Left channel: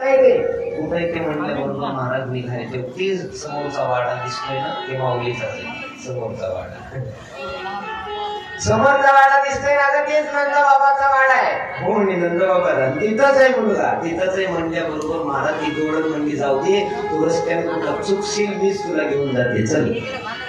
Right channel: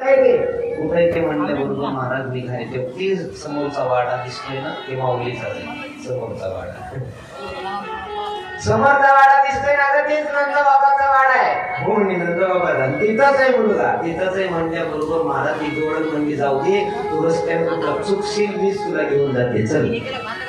कुठे ते म्हणल्याबरोबर महाराज निघाले ते समोरचा वाडा दिसतोय ना, ते माऊलीचा समोरचा वाडा, समोरचा वाडा दिसतोय ना, तेच नंद बाबाचा वाडा आहे. हो म्हणे नंद बाबा तिथंच आहे मुलगा, तिथंच आहे म्हणल्याबरोबर महाराज तिथे ओळख म्हणजे जाऊ दे, तू रस्त्यावर चुकशील मीच तुला घेऊन जाते, चल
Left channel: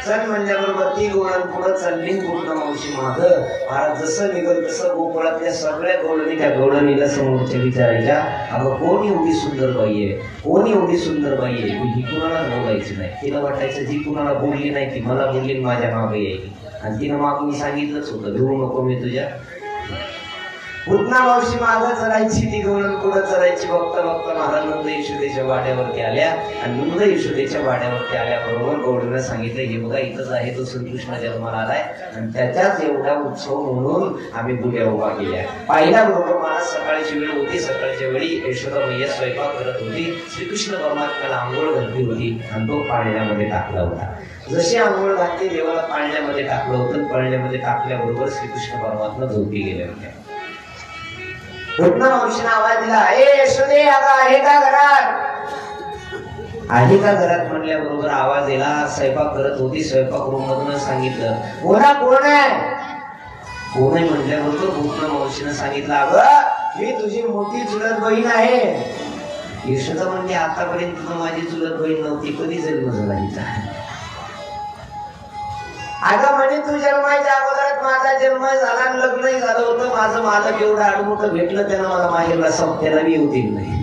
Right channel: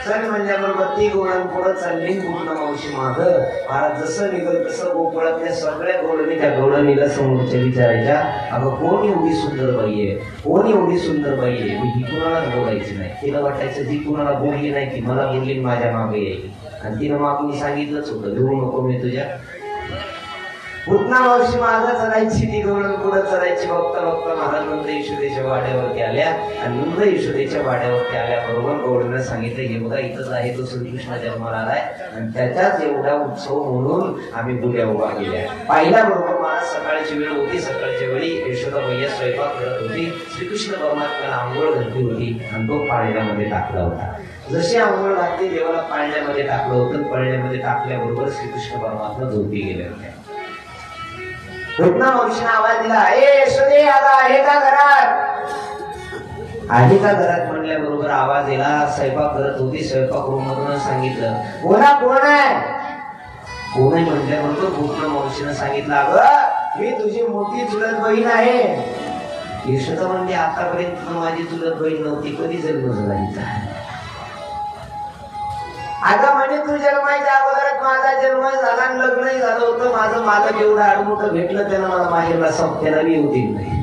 चल म्हणल्याबरोबर ती गोळण पुढं चालली. पूर्ण मावशी मागं. महाराज जसं निघल तसं गोकुळातल्या सगळ्या गोळणी त्या गोळणीला समोरच्या विचारायच्या, अगं कोण एवढी सुंदर बाई आहे, कोण एवढी सुंदर बाई आहे. ही कुणाला बोलायची नाही, तिला वाटायचं जी कुणाला बोलली नाही ती मला बोलली माझ्या मागे येईल. आणि तिनं मग मी सांगितलंच होतं घेऊ नको मी तुझ्या. पूर्ण मावशी माझा चलायची, ती गोळण पुढं चलायची. बघता बघता महाराज नंद यशोदेच्या वाड्यावरती आल्या आणि नंद यशोदेच्या वाड्यावरती आल्याबरोबर गौडीनं सांगितलं, हे बघा इथंच आहे तो श्रीकृष्ण जन्माला आलाय आणि त्याच्याच एवढा उत्सव म्हणून आम्ही बुड्या उभा केल्या. पाहिल्या बरोबर महाराज सकाळची वेळ होती, सकाळच्या वेळी यशोदा मैया स्वयंपाक करत होती. श्रीकृष्ण परमात्म्याला आंघोळ घातली होती आणि तो पाळण्यामध्ये टाकला होता. जशी आंघोळ घातली देवाला पाळण्यामध्ये टाकलं होतं, पाळण्यामध्ये टाकल्याबरोबर श्रीकृष्ण परमात्मा झोपी गेले होते. पूर्ण मावशीने आवाज दिला, ए यशोदे अगं आहे का घरात, आहे का घरात म्हणल्याबरोबर आवाज दिला. स्वयंपाक करत होती, स्वयंपाक रूम मधून सांगितलं, कोणा कोण आहे, कोण आहे म्हणल्याबरोबर पूर्ण मावशीने सांगितलं, अगं मी तुझी मोठी चुलत बहीण आहे. यशोदा म्हणजे आतापर्यंत माझी चुलत बहीण नव्हती, कधी जन्म झाला हिचा. अगं म्हणे तू जन्माच्या अगोदरच माझा जन्म झाला, लग्नही झालं होतं माझं, मालक एवढं आडमुठं भेटलं त्यानं मला माहेरला संपत्याला बी येऊ दिलं नाही,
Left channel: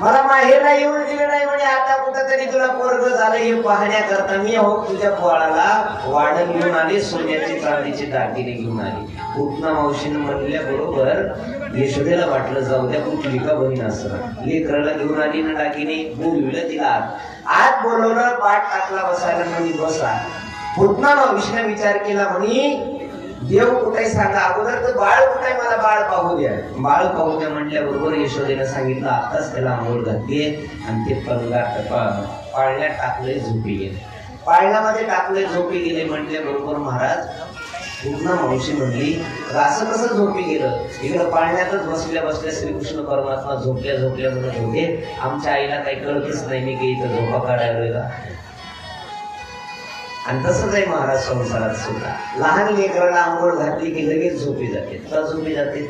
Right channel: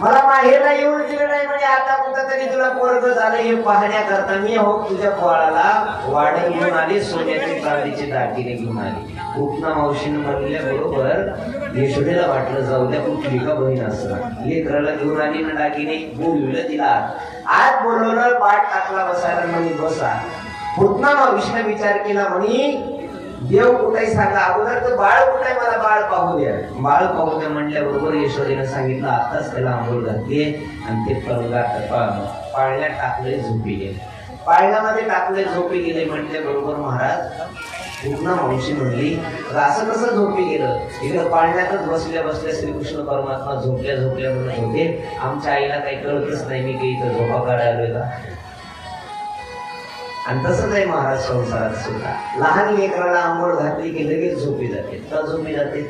मला माहेरला येऊन दिलं नाही. म्हणजे आता कुठंतरी तुला पोरग झालं हे पाहण्याकरता मी हो तुझ्या पोळाला वाढण घेऊन आली, सोन्याची चांदीची दागिने घेऊन आली. पूर्ण मावशीनं म्हणल्या बरोबर यशोदेला वाटलं जाऊ द्या कुठली का बहीण असं, लेकराला घेऊन आली ना दागिने, बोलविलं तिला, आज बोलवलं, पाठ टाकला बसायला, म्हणे बसा. पूर्ण मावशीने विचार केला, म्हणे देव कुठे सांगा अगोदर, तर बाळ कुठे मला बाळ पाहू द्या, बाळ पाहू द्या म्हणल्याबरोबर यशोदेनं सांगितलं, आताच त्याला आंघोळ घातली आणि ते पाळण्यात टाकले, झोपी गेले. पाळण्यामध्ये टाकले, झोपी गेले म्हटल्याबरोबर महाराज पूर्ण मावशी म्हणली, असं कसं झोपी गेलं, इकडं पाळण्यातच बसल्या बसल्या श्रीकृष्ण परमात्मा झोपल्या झोपल्या झोपे, आमच्या आईला काही कळतच नाही मी की इथं झोपा काढायला. आणि तसंच आहे महाराज संसारात सुद्धा, लहान लेकराला आंघोळ घातली की लगेच झोपी जाते. का झोपी जाते,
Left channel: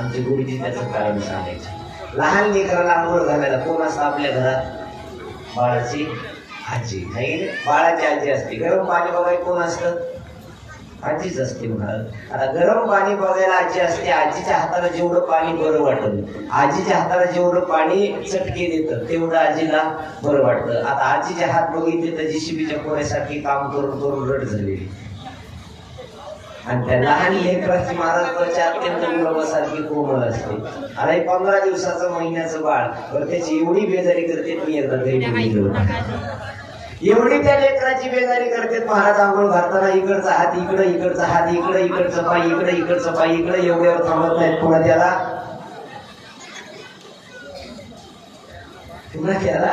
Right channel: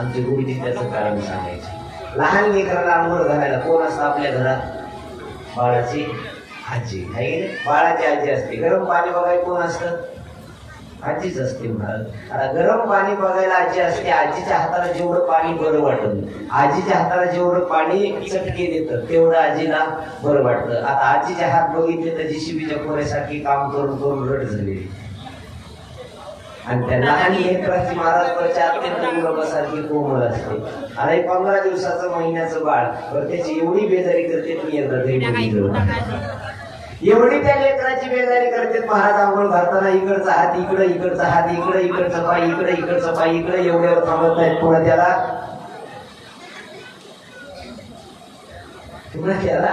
आमची गुरुजी त्याचं कारण सांगायचे. लहान लेकराला आंघोळ घालायला कोण असतं आपल्या घरात, बाळाची आजी आहे, बाळाची आजी असते. गरम पाणी बघायला कोण असतं, आजीच असते महाराज. आता गरम पाणी बघायला आजी असते, आजीच्या हाताला जेवढं पाणी बरं वाटत, आजीच्या हाताला जेवढं पाणी चटके देतं तेवढं आजीला बरं वाटतं. आता आजीचे हात बघितले तर जीसीबीच्या कोऱ्यासाठी काम करून करून रट झालेली. आणि त्या लहान लेकराची महाराज सारखी कोमल असते. आणि 15 दिवसाचं महिन्याचं बाळ, तर त्याची एवढी बेजारी करते, मी एकदा घरी एवढी त्या लेकराची बेजारी करते. महाराज आंघोळ घालताना इकडचा हात इकडं, इकडचा हात इकडं, इकडचं पाय इकडं, इकडचं पाय इकडं, एवढ्यावर थांबत नाहीत. पुन्हा त्याला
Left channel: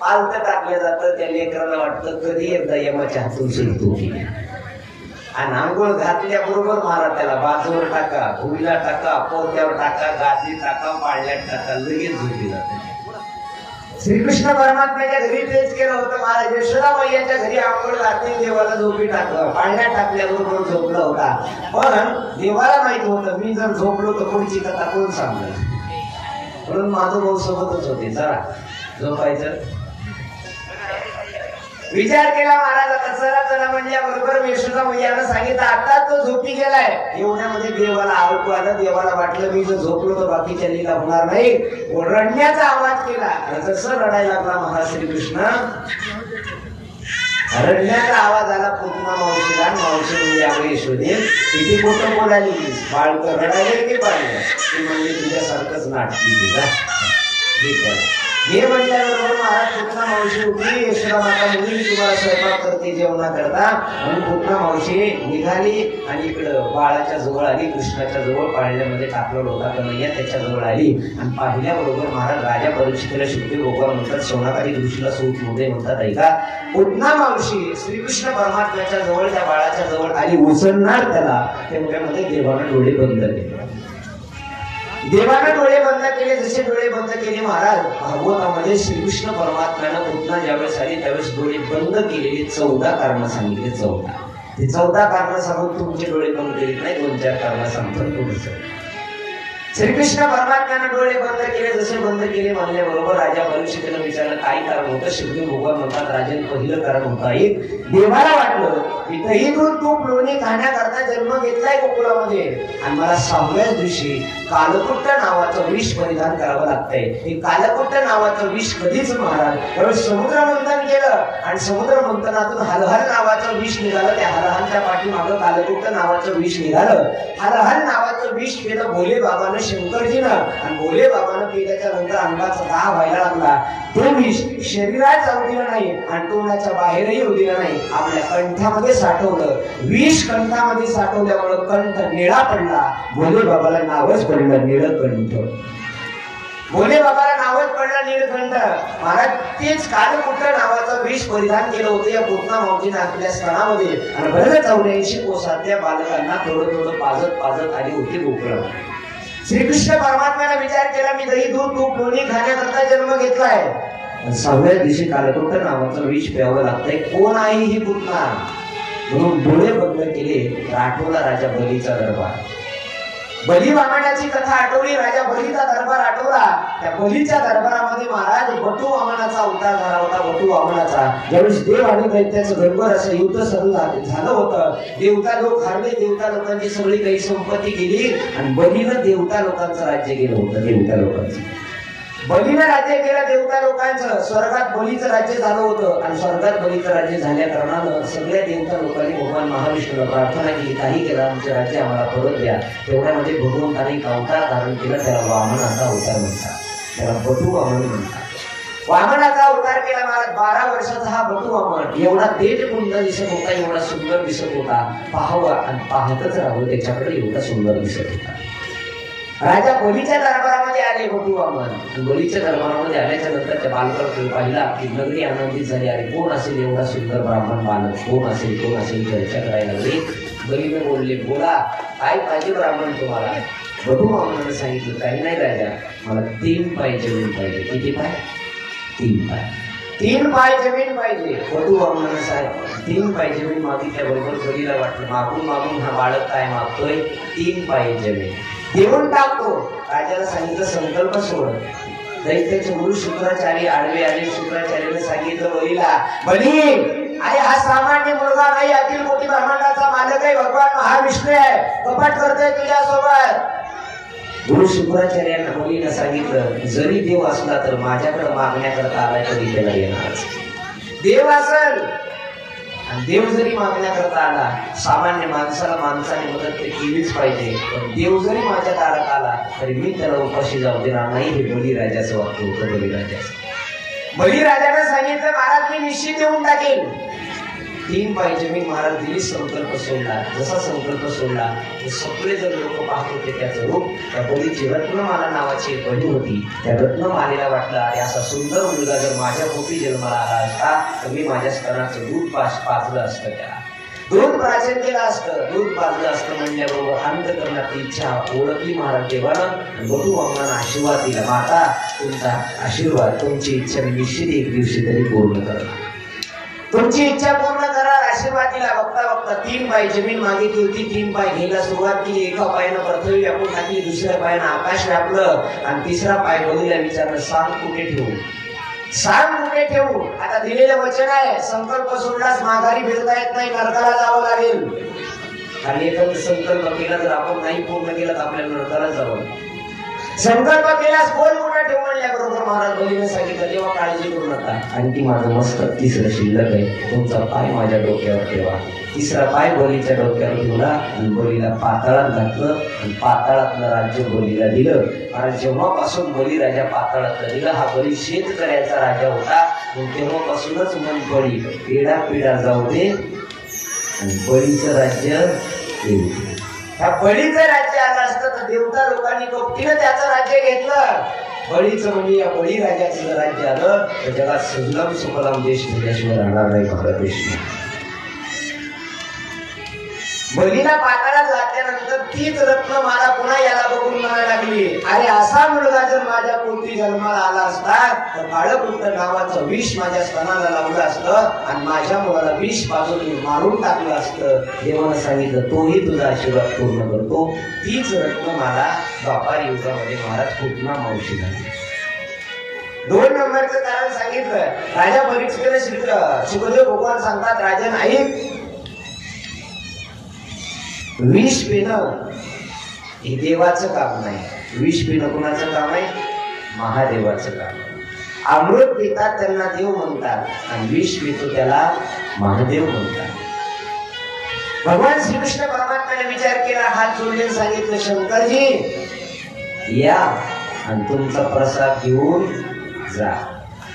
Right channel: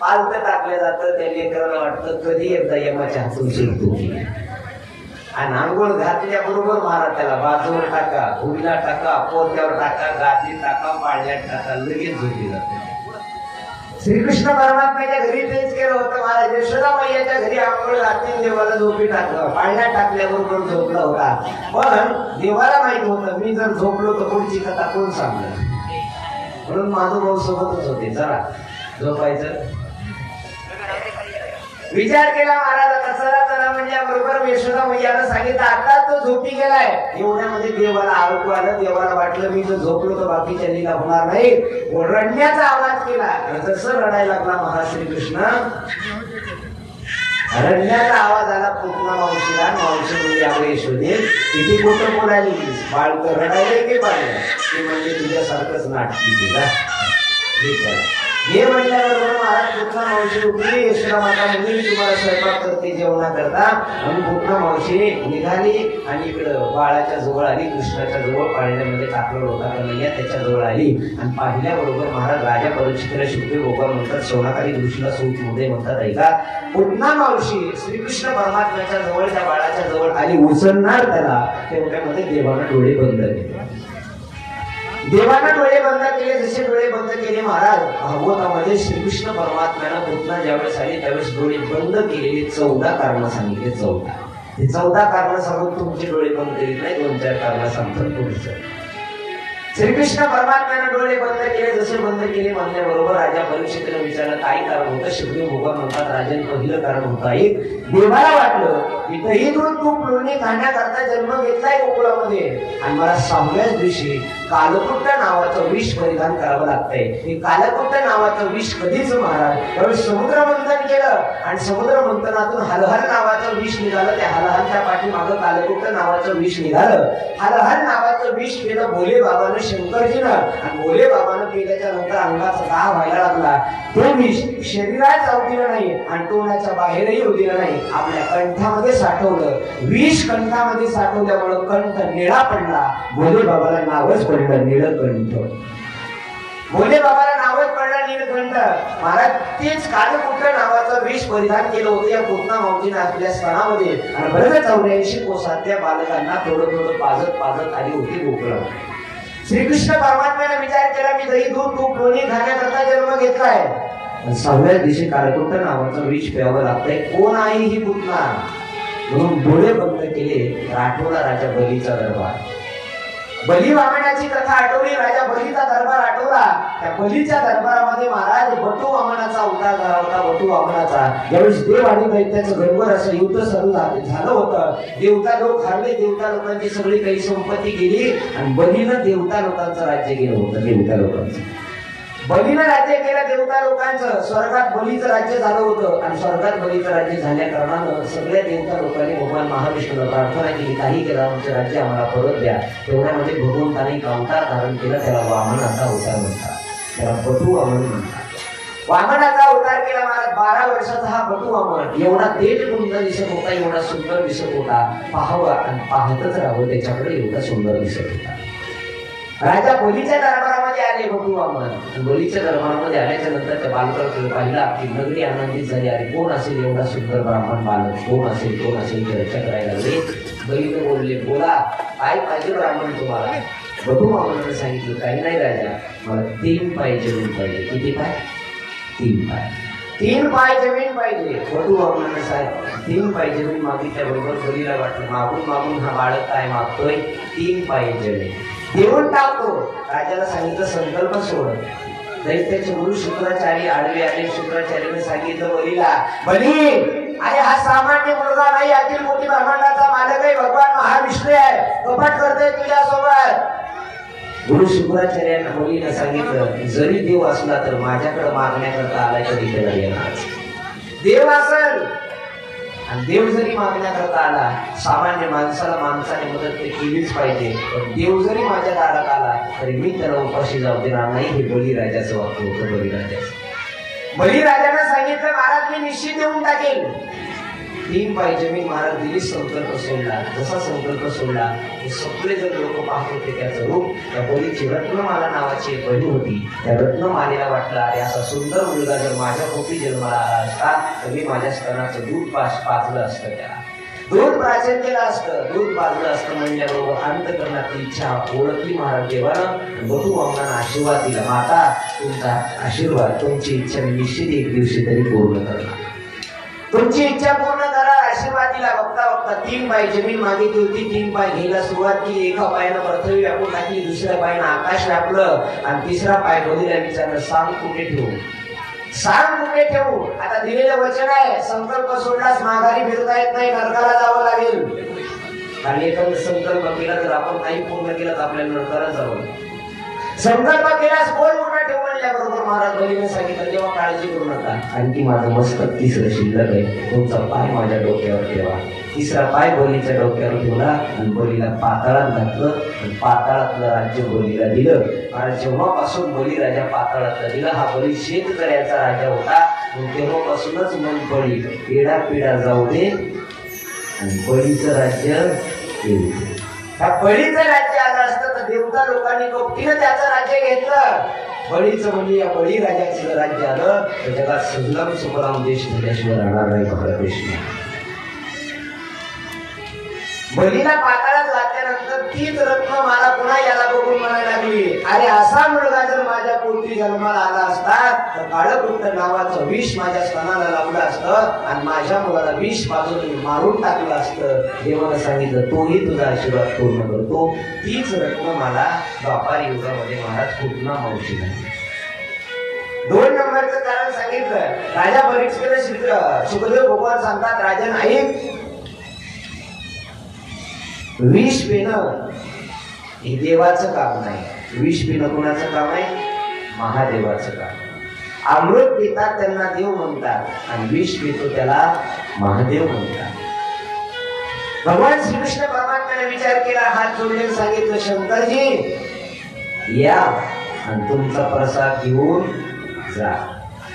पालत टाकलं जातं. त्या लेकराला वाटतं कधी एकदा यमाच्या हातून शिकतो. आणि आंघोळ घातल्याबरोबर महाराज त्याला बाजूवर टाका, भुईला टाका, पोत्यावर टाका, गादी टाका, पाळण्यात टाका, लगेच झोपी जाते. श्रीकृष्ण परमात्म्याच्या घरी तेच केलं होतं महाराज. यशोदा मैयाच्या घरी आंघोळ घातली, देवाला झोपी टाकलं, पाळण्यात टाकल्याबरोबर झोपला होता. पण देवाला माहित होतं मी जर झोपलो तर पुढची कथा कोण सांगणार, म्हणून महानुभाव सोबतच होते. चला झोपायचं विचार केला महाराजाचा. चला चला म्हणल्याबरोबर यशोदा मैयानं सांगितलं, आता तो झोपी गेलाय. एवढ्यामध्ये देवाला आरोप आलं. देवाला वाटलं मी जर झोपलो तर बाकीच्या लीला होणार नाही. रडण्याचा आवाज केला आणि जसं रडायला लागला महाराज श्रीकृष्ण, रडण्याचा आवाज आला. पूर्ण मावशीला, मावशी यावेळी यशोदे किती मोठं बोलायली, बाळ रडायला की पाहिजे ती म्हणजे तुझ्यासारखंच नाटकी तुझा हे म्हटल्याबरोबर महाराज पूर्ण मावशी उठली. यशोदा माता म्हणजे तुम्हाला स्वयंपाक करते जेवणा करता. आणि पूर्ण मावशी निघाली आणि इकडं बाळाच्या जवळ आली, कृष्णाच्या जवळ पाळण्यामध्ये टाकलं होता कन्हैया त्याच्या जवळ आली. आणि पाहिल्याबरोबर महाराज राजा परीक्षितीला शिवते गोपाल म्हणतात, सोनाकारी दृष्टीला सूट मध्ये म्हणतात. ऐका, पूर्ण मावशी श्रीकृष्ण परमात्म्याच्या जवळ त्या बाळाच्या जवळ आली, उचलणार त्याला. तेवढ्यामध्ये देवानं डोळे बंद केले. देवानं डोळे बंद केले. जसे डोळे महाराज भागवतामध्ये श्रीकृष्ण परमात्म्यानं पुन्हा ज्यावेळेस आले त्यावेळेस डोळे बंद केलेले 14 कारण सांगितले. 14 ते 14 कारण सांगून तुमचे डोळे बंद करीत नाही, 2-4 कारण सांगतात पुढचं. श्रीकृष्ण परमात्म्याने डोळे बंद केले. जसे बंद केले म्हणल्याबरोबर राजा परीक्षितीनं विचारलं काय कारण होतं. शुभदेव भगवान म्हणतात राजन पहिलं कारण होतं एक देवाला वाटलं की दही दूध तूप लोणी खाण्याकरता जन्म घेतलाय गोकुळामध्ये आणि मला 6व्याच दिवशी कालकुट्ट नावाचं विष परिधान करावं लागतंय. हे कालकुट्ट नावाचं विष कधीच महाराज त्यावेळी समुद्र मंथन केलं आणि समुद्र मंथनातून हलहल नावाचं विष निघालं. त्या हलहलच्या पाठीमागं कालकुट्ट नावाचं विष निघालं. हलहल नावाचं विष केलं भोले बाबानं शंकरजीनं आणि भोले बाबानं केल्याच्या नंतर अंगाचा दाह व्हायला लागला. ते विष शरीरात जाऊ दिलं नाही आणि तोंडाच्या बाहेरही येऊ दिलं नाही. आपल्या कंठामध्ये साठवलं. विष कंठामध्ये साठवल्यामुळे कंठ निळा पडला. भोले बाबाला नावच पडलं नीळकंठ. भोले बाबाला नावच पडलं नीळकंठ. महाराज तेच कालकुट्ट नावाचं विष परिधान केलं होतं या पूतना मावजीने आपल्या स्थानामध्ये आणि बरं 84 कोसातल्या बालकांना थोडं थोडं पाजत आली होती गोकुळात. श्रीकृष्ण परमात्म्याने विचार केला मी दही दूध तूप लोणी खाण्याकरता जन्म घेतलाय. 6व्या दिवशी कालकुट्ट नावाचं विष प्यावं लागतंय. कोण आहे ही पूतना म्हणून डोळे बंद केले. आठवला राजा बलीचा दरबार. बली वामनाची कथा आठवली. राजा बलीचा दरबार आठवला. त्या बलीच्या दरबारामध्ये महाराज बटू वामनाचा अवतार झाला होता. बटू वामनाचा ज्यावेळेस देव आणि दैत्याचं गडबड असं युद्ध सुरू झालं होतं. देवता लोक हारले. देवता लोकांची सगळी काही संपत्ती गेली आणि बलीनं देवता लोकांचं राज्य केलं होतं. देवता लोकांचं बलीनं राज्य केलं देवता लोकांचं. स्वर्गात बलीचं राज्य झालं होतं आणि स्वर्गात बलीचं राज्य झाल्या कारणानं सगळ्या देवता लोकांनी भगवान महाविष्णूला प्रार्थना केली काही केलं आमचे राज्य आम्हाला परत द्या. तेवढ्यामध्ये भगवंताने अवतार धारण केला. त्याला वामनाचा अवतार म्हणतात. त्याला बटू वामन म्हणतात. वामनाचा अवतार केला महाराज. 12 वर्षाचा हा बटू वामन एवढा तेज कुंड दिसत होता. एवढा सुंदर दिसत होता. पाहावा आणि पाहतच राहावं त्याच्याकडे एवढा सुंदर दिसत होता. राजा बलीच्या दरबारामध्ये आले बटू वामन. बलीच्या दरबारामध्ये आल्याच्या नंतर त्या बालकाला पाहिला की नगरी आनंदित झाली. अरे कोण असेल एवढा सुंदर ब्राह्मण बालक कोण असेल चर्चा करायला लागले. बलीने बोलले बोला काय पाहिजे ब्राह्मण तुम्हाला. बटू वामनाने सांगितलं काही नाही राजा मला 3 पाय जमीन पाहिजे. किती पाय 3 पाय 3 पाय जमीन पाहिजे. बटू वामनाने साहेब 3 पाय जमीन मागितल्याबरोबर बलीला वाटलं मागून मागून हा बाळक काय मागतोय 3 पाय जमीन देऊन टाकतो. राजाला सांगितलं संकल्प सोड. दैत्याचे गुरु शुक्राचार्य आडवे आले. शुक्राचार्याने सांगितलं बलीला बली अरे हा सामान्य मुलगा नाही. अखिल कोटी ब्रह्मांडाचा मालक आहे. भगवान महाविष्णू आहे. कपट करतोय तुझ्यासोबत. गुरु शुक्राचार्यांना बलीला सांगितलं जरी देव असला तर माझ्याकडे मागण्याकरता आला तरी त्याला येणार. देव असेल आणि देव जरी मागण्याकरता आला सामान्य माणसाला माणसाने मदत केलीच पाहिजे. पण देव जरी माझ्या दारात आला तरी मी त्याला उपाशी जाऊ देणार नाही. हे बळीराजाचं वाक्य होतं. बळीराजाचं. बळीराजाने सांगितलं महाराज मी निश्चित देऊन टाकेल. 3 पाय जमीन महाराज दिली. संकल्प सोडला. जसा संकल्प सोडला ते सगळे जर लोक पाहत होते त्याचं रूप. त्या बळीची रत्नमाला नावाची एक बहीण होती. त्या रत्नमालेला वाटलं अरे असा सुंदर मुलगा जर माझ्या पोटी जन्माला आला असता तर मी माझ्या स्तनाचं दूध पाजलं असतं. त्याला दूध प्राचन केलं असतं. दूध पाजलं असतं म्हणल्याबरोबर अंतकरणाची इच्छा ओळखली महाराज देवानं. बटू वामनानं आशीर्वाद दिला. माता तुमचा आशीर्वाद तुमची इच्छा मी निश्चित एक दिवशी तरी पूर्ण करणार. तुमची इच्छा पूर्ण करा. आशीर्वाद दिला. बघता बघता 3 पाय जमीन मागितली होती. 3 पाय घ्यायला सुरुवात केली. एका पायानं पृथ्वी व्यापून टाकली. दुसऱ्या पायानं आकाश व्यापलं आणि तिसरा पाय बलीला विचारलं सांग कुठे ठेवू. सांग कुठे ठेवू. आता दिलेलं वचन आहे संकल्प सोडलास माघारी फिरता येत नाही. नरकाला जावं लागेल. आणि एखादा संकल्प केला तर आपण नाही पूर्ण केला तर आपल्याला नरकाला जावं. संकल्प केल्यास बोल कुठे ठेवू म्हणल्याबरोबर महाराज बलीने सांगितलं तेव्हा काळजी करू नका. आणखी माझं मस्तक 3रं शिल्लक आहे. तुमचा पाय माझ्या डोक्यावर ठेवा. 3रा पाय बलीच्या डोक्यावर ठेवला आणि बलीला पाताळात घातलं आणि पाताळातलं राज्य बलीला दिलं. आणि जेव्हापासून बली राजा पाताळातला दिला हा बली शेतकऱ्याचा राजा होता. तेव्हापासूनच मन बळी पेढा पिढा जाऊ दे आणि बळीचं राज्य येऊ दे. ह्या बळीचं राज्य आलं असतं तर देवता लोकांनी कपटीनं त्याचं राज्य घेतलं. बळीचं म्हणजे या बळी राजाचं राज्य आलं तर जगात सुजलाम सुफलाम देश त्याच्याशिवाय राहणार नाही. भारत देश बलीला पाताळात घातल्यानंतर तीच रत्नमाला पुन्हा याला बघून म्हणायला लागली, अरे असा मुलगा जर माझ्या पोटी जन्माला आला असता तर काळकुट्ट नावाचं विष माझ्या स्तनाला लावलं असतं आणि माझ्या मुलाला विष पाजून मारून टाकलं असतं. देवानं सांगितलं तोही तुझा आशीर्वाद पूर्ण करतो. तीच रत्नमाला द्वापार युगामध्ये महाराज पूतना मावशी झाली. 2 नंबरचं कारण सांगितलं. राजा परीक्षेला सुखदेव भगवान सांगतात, राजन ऐक, विष पिणं हे देवाचं काम नाही. विष पिणं कोणाचं काम आहे? महादेवाचं काम आहे. अमृत पितात त्यांना देव म्हणतात आणि विष पितो त्याला महादेव म्हणतात. भगवान श्रीकृष्ण परमात्म्याने विचार केला, हात जोडले, सांगितलं, शंकरजी या आणि तुमचा प्रसाद घेऊन जा.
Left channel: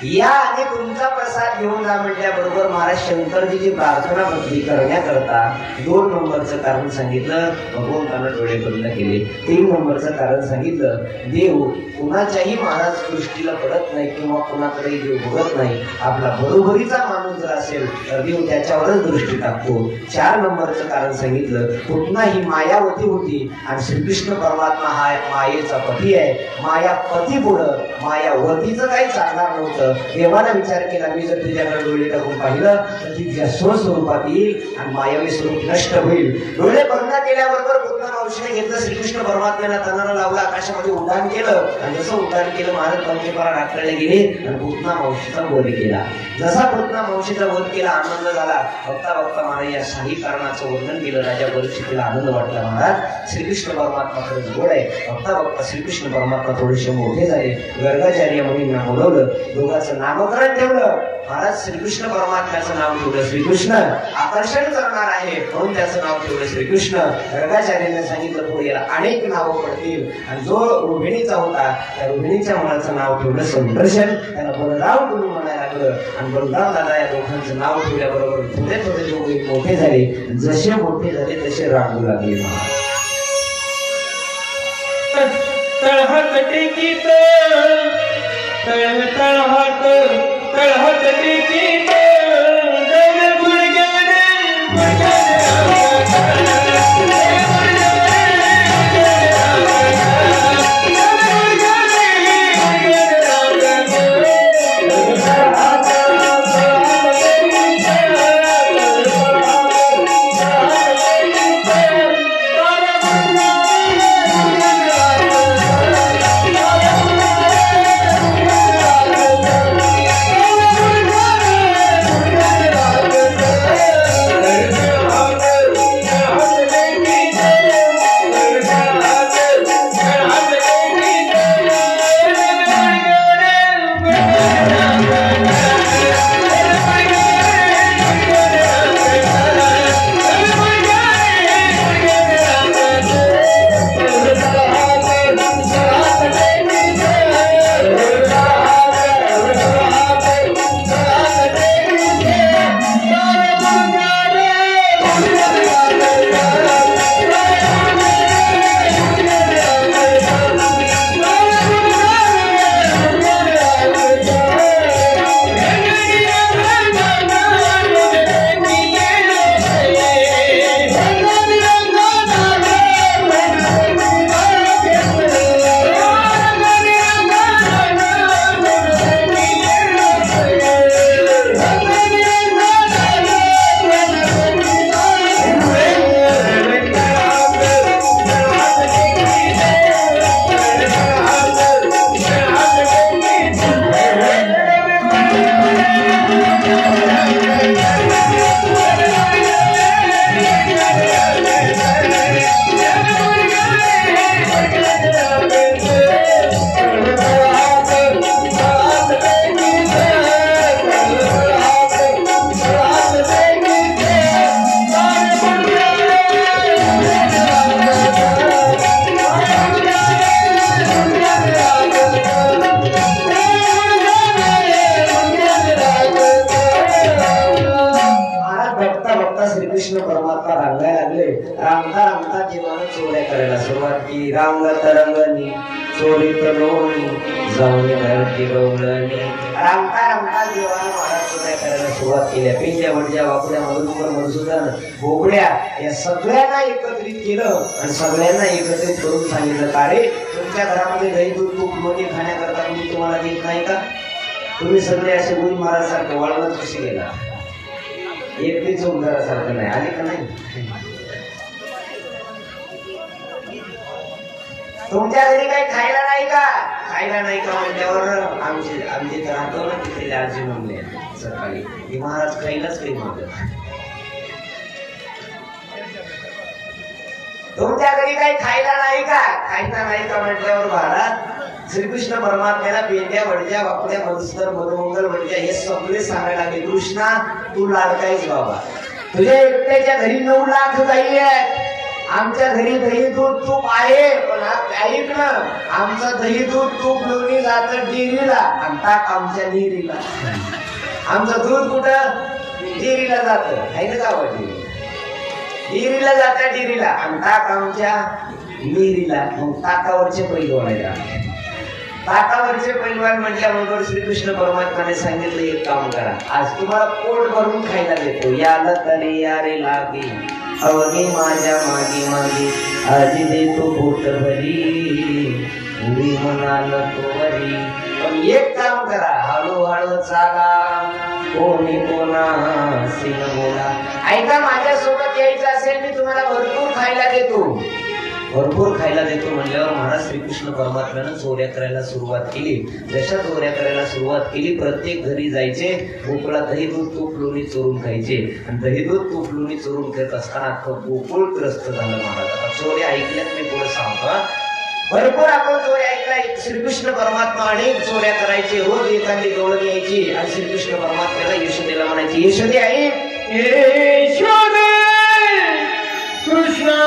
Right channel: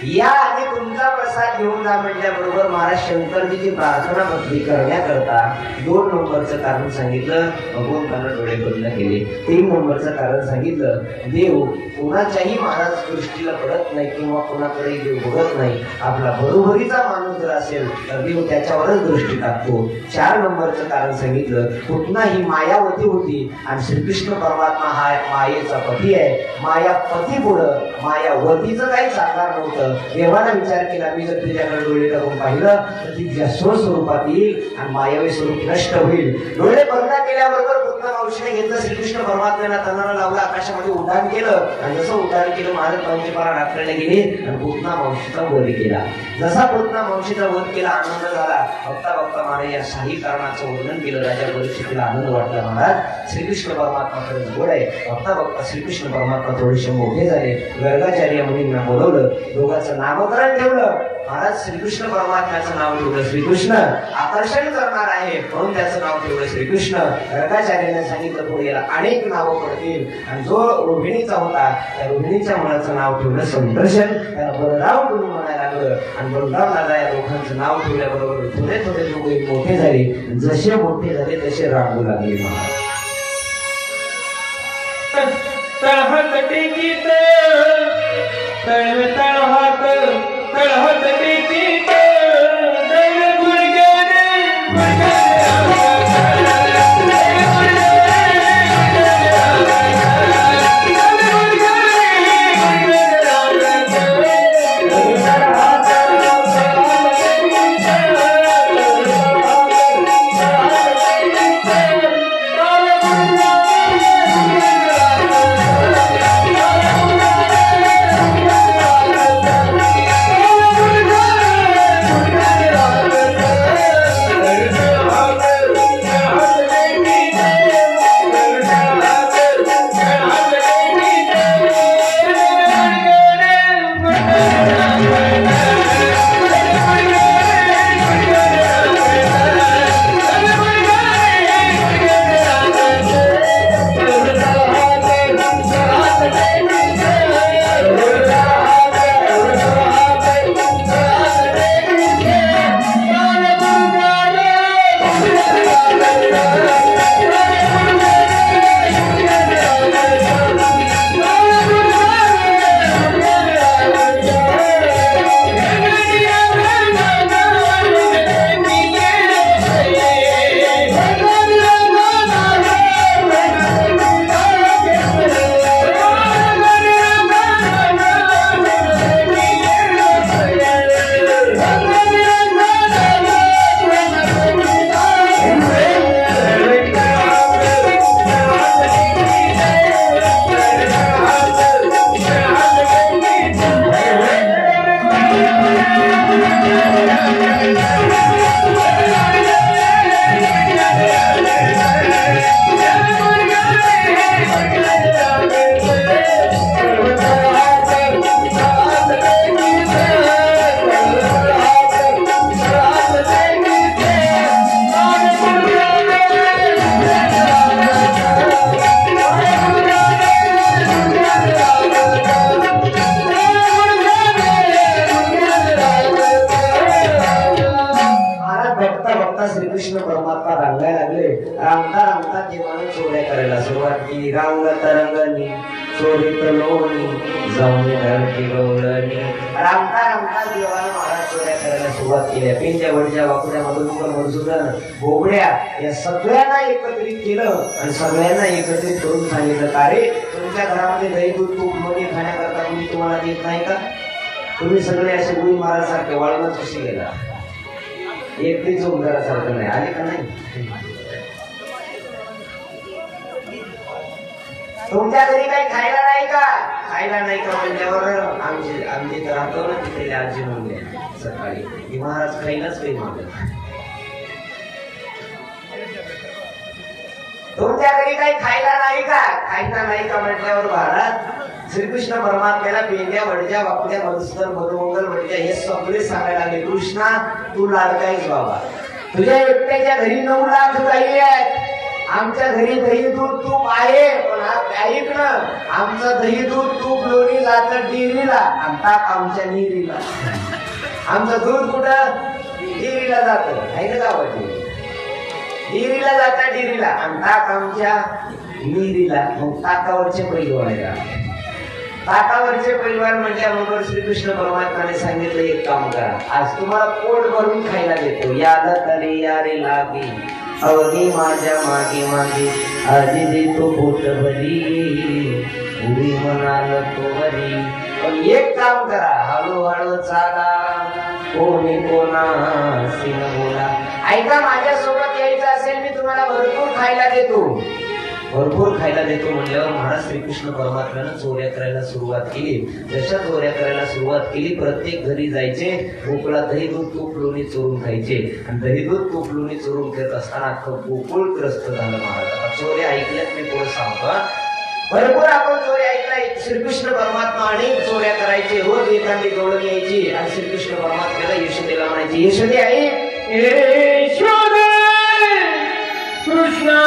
या आणि तुमचा प्रसाद घेऊन जा म्हटल्याबरोबर महाराज शंकरजीची प्रार्थना भक्ती करण्याकरता 2 नंबरचं कारण सांगितलं, भगवंतानं डोळे बंद केले. 3 नंबरचं कारण सांगितलं, देव कोणाच्याही महाराज दृष्टीला पडत नाही किंवा कोणाकडे देव बघत नाही. आपला बरोबरीचा माणूस जर असेल तर देव त्याच्यावरच दृष्टी टाकतो. 4 नंबरचं कारण सांगितलं, पूतना ही मायावती होती आणि श्रीकृष्ण परमात्मा हा मायेचा पती आहे. माया पती पुढं मायावतीचं काही सांगणार नव्हतं. देवाला विचार केला, मी जर तुझ्याकडे डोळे टाकून पाहिलं तर ती स्वस्वरूपात येईल आणि मायावी स्वरूप नष्ट होईल. डोळे बंद केल्याबरोबर पूतना मावशीने घेतलं, श्रीकृष्ण परमात्म्याला तणाला लावलं, आकाशामध्ये उड्डाण केलं आणि जसं उड्डाण केलं महाराज पावशीपारा राखण्याला गेले आणि पूतना मावशीचा वध केला. जसा पूतना मावशीचा वध केला आनंद झाला. बघता बघता महाराज या शाही कारणाचं वर्णन केलं. राजा परीक्षेला आनंद वाटला. महाराज श्रीकृष्ण परमात्मा खरंच गोड आहे. बघता बघता श्रीकृष्ण परमात्मा थोडेसे मोठे झाले. गर्गाचार्य मुनींना बोलवलं, दोघांचं नामकरण ठेवलं. महाराज श्रीकृष्ण परमात्म्याचं नाव ठेवलं श्रीकृष्ण, आकर्षण करणार आहे म्हणून त्याचं नाव ठेवलं श्रीकृष्ण. गर्गाचार्याने सांगितलं पुढे याला अनेक नावं पडतील आणि जो रोहिणीचा होता त्या रोहिणीच्या मुलाचं नाव ठेवलं संदर्शन. त्याला बलराम म्हणून म्हणायला लागलं आणि बलराम दादा या दोघांचं नाव ठेवल्याबरोबर थोडे थोडे दोघे मोठे झाले. जसे मोठे झाले तसे रांगू लागले. तळहात टेकीत तळहात टेकीत दर गुडघ्याने श्रीकृष्ण परमात्मा रांगायला लागले. रांगता रांगता देवानं चोऱ्या करायला सुरुवात केली. रांगत रंगणी चोरीत लोणी जाऊन नरकी गवळणी. रांगता रांगता देवानं महाराज चोऱ्या करायला सुरुवात सुरुवात केल्या. पेंड्या वडज्या वाकुड्या मधुसूदन बोबड्या या सगळ्यांना एकत्रित केलं आणि सगळ्यांना एकत्रित करून सांगितलं का रे तुमच्या घरामध्ये दही दूध तूप लोणी खाण्याकरता तुम्ही तुम्हाला देत नाही का? तुम्ही सगळे असे गुण महाराजसारखे वाळवत कशी गेला? एकटीच उद्धारासारखं नाही आले का नाही? तुमच्या घरी काही खायला नाही का? खायला नाही का म्हणल्यावर आमचे तर राहतो ना तिथे आजी म्हणले सकाळी की महाराज खायलाच काही मागत. तुमच्या घरी काही खायला नाही का? खायला नाही का म्हटल्यावर महाराज श्रीकृष्ण परमात्म्याला पेंड्या वडज्या वाकड्या मधुसूदन मधुमंगल वडज्या हे सगळे सांगायला लागले. कृष्णा तू लाडकाईच बाबा, तुझ्या एकट्याच्या घरी 9 लाख गायी आहेत. आमच्या घरी दही दूध तूप आहे पण ऐक ना आमचं दही दूध तूप लोणी जातं डेअरीला आणि ताक आमच्या डेअरीला. आमचं दूध कुठं? डेअरीला जातं आहे ना गावात डेअरीला जातं डेअरीला आणि ताक आमच्या डेअरीला. मग ताकावरचे पैलवान आहे. ताकावरचे पैलवान म्हटल्याबरोबर श्रीकृष्ण परमात्म्याने सांगितलं एक काम करा, आज तुम्हाला पोट भरून खायला देतो. याला तरी यारे लागे अवघे माझ्या मागे मागे आधी देतो पोट भरी उडी म्हणाल तो वरी. पण एक काम करा हळूहळू चाला कोणी कोणाशी न बोला. ऐका माझ्यासोबत यायचं असेल मी तुम्हाला भरपूर खायला देतो. भरपूर खायला देतो म्हणल्यावर महाराज श्रीकृष्ण परमात्म्यानं चोऱ्या करायला सुरुवात केली. जशा चोऱ्या करायला सुरुवात केली प्रत्येक घरी जायचे गोकुळा दही दूध तूप लोणी चोरून खायचे आणि दही दूध तूप लोणी चोरून खात असताना अख्खं गोकुळ त्रस्त झालं. महाराज चोऱ्या ऐकल्यात मी पुढे सांगतो. भरपूर आपण चोऱ्या ऐकलाय. श्रीकृष्ण परमात्मा अनेक चोऱ्या करायचे. रोज एखादी गवळण यायची आणि श्रीकृष्ण परमात्म्याला यशोदेला म्हणायची यशोदे आई यशोदे कृष्ण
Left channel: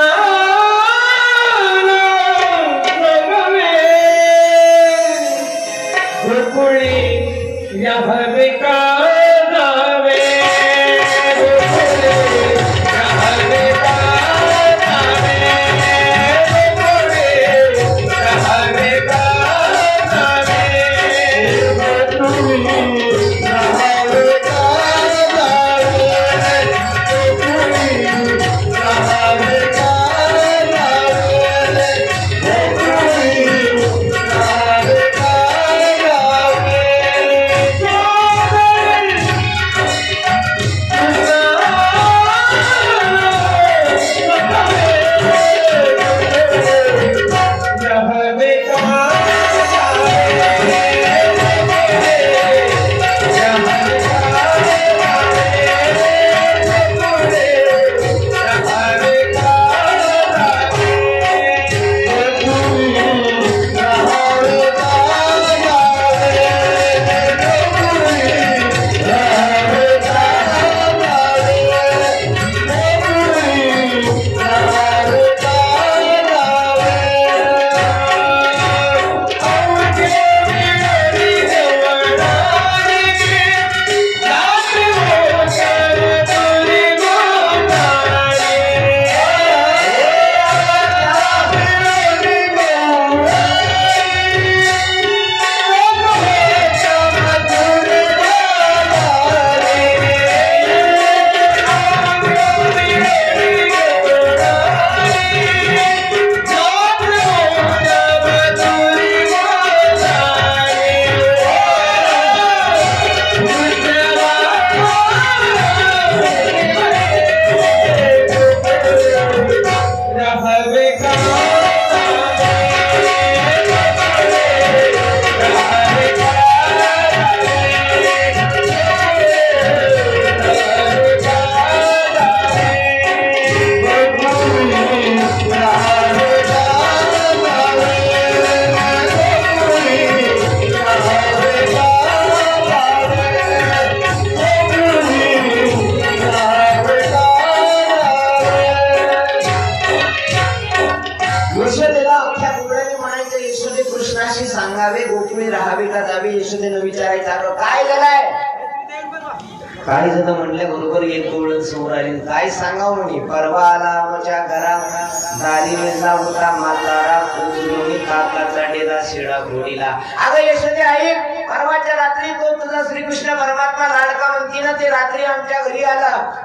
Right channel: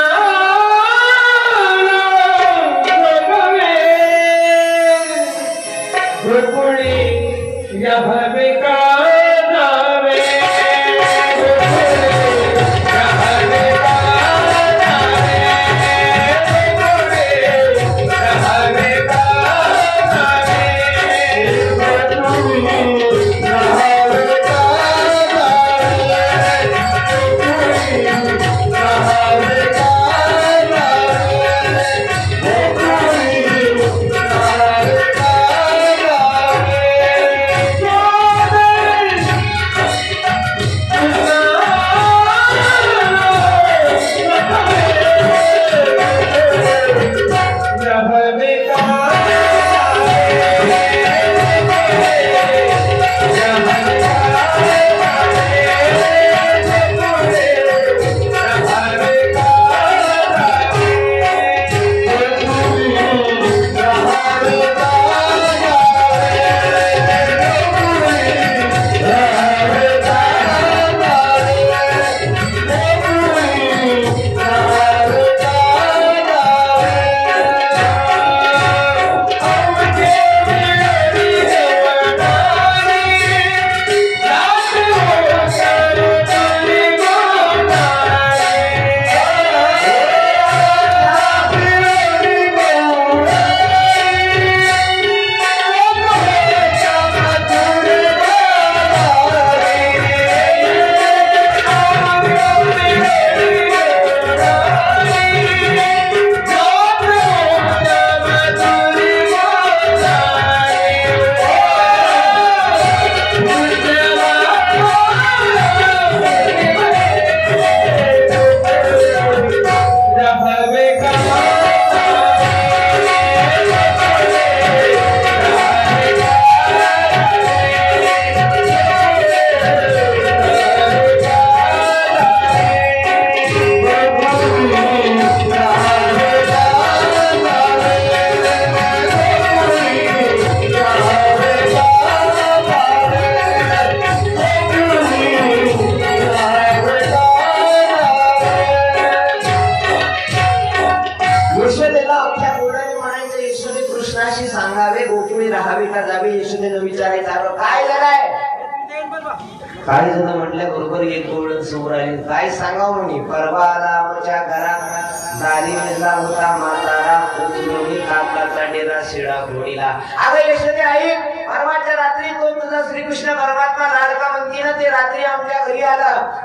काय झालं म्हणल्या बरोबर एक डोळं समोर आली. काय सांगावं म्हणे परवा आला आमच्या घरात राणी मिळला होता म्हातारा कोणी काकाचा डेरा शिळा घोडीला. अगं यशोदे आई परवाच्या रात्री तो तुझा श्रीकृष्ण परमात्मा लाडका म्हणती ना ते रात्री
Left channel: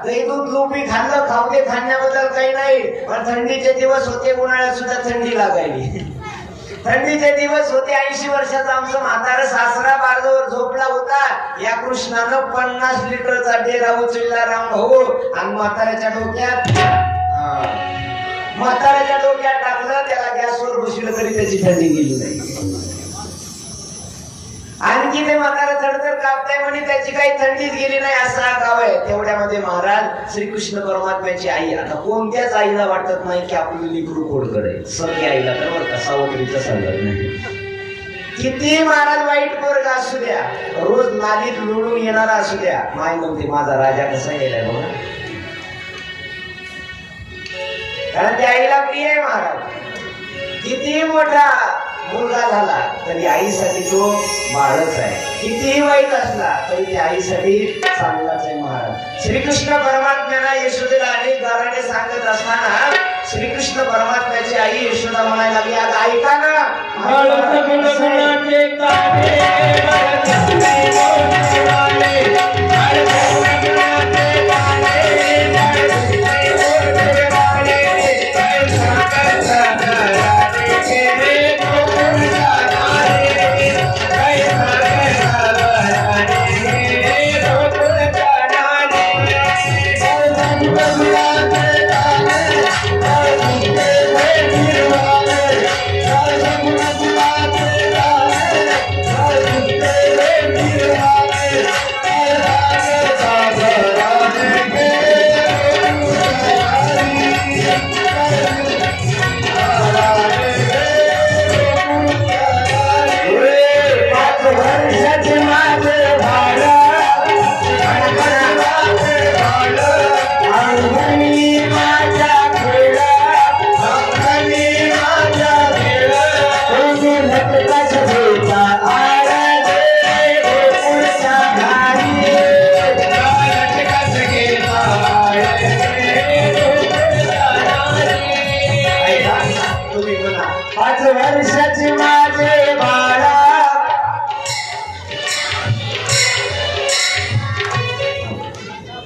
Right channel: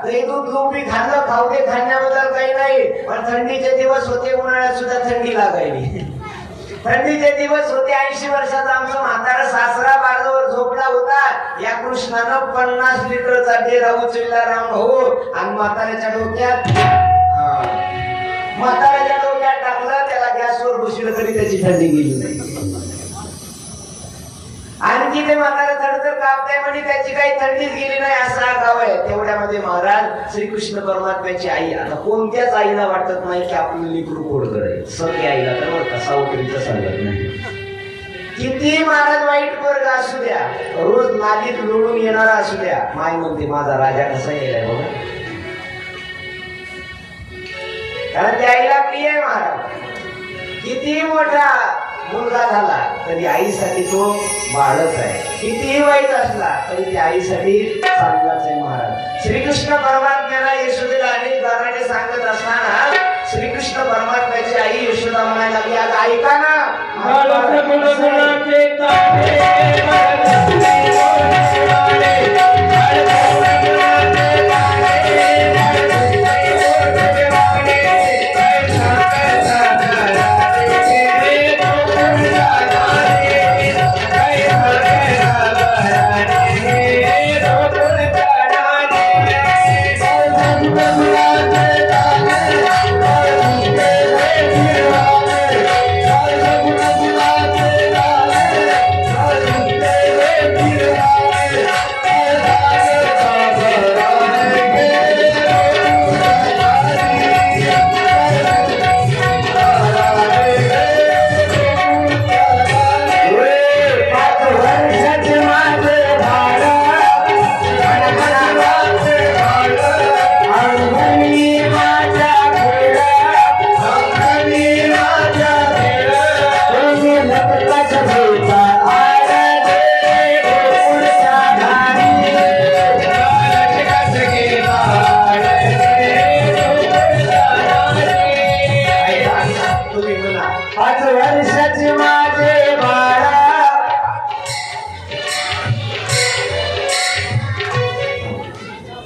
दही दूध तूप बी खाल्लं, खाऊ दे, खाण्याबद्दल काही नाही, पण थंडीचे दिवस होते, उन्हाळ्यात सुद्धा थंडी लागायली. थंडीचे दिवस होते. 80 वर्षाचा आमचं म्हातारा सासरा बाजूवर झोपला होता. या कृष्णानं 50 लिटरचा डेरा उचलला राम भाऊ आणि म्हाताऱ्याच्या डोक्यात टाकलं. त्याला गॅसवर बसवलं तरी त्याची थंडी गेली नाही. आणखी ते म्हातारा थडथड कापताय म्हणे त्याची काही थंडीच गेली नाही असा गाव आहे. तेवढ्यामध्ये महाराज श्रीकृष्ण परमात्म्याची आई, आता कोणत्याच आईला वाटत नाही की आपली लेकरू कोडकड आहे. सगळ्या आईला तर बरं का सावत्रीचं सांगत नाही. किती महाराज वाईट पोरग असू द्या, रोज नालीत लोळून येणारा असू द्या, माय म्हणते माझा राजा कसा गेलाय बघा. कारण त्या आईला प्रिय आहे महाराज. किती मोठा मुलगा झाला तरी आईसाठी तो बाळच आहे. कितीही वाईट असला तरी त्या आईसाठी चांगलाच आहे महाराज. श्रीकृष्ण परमात्म्याला यशोदेला अनेक गाराने सांगत असताना श्रीकृष्ण परमात्म्याची आई यशोदा म्हणायला लागली, आज ऐका ना,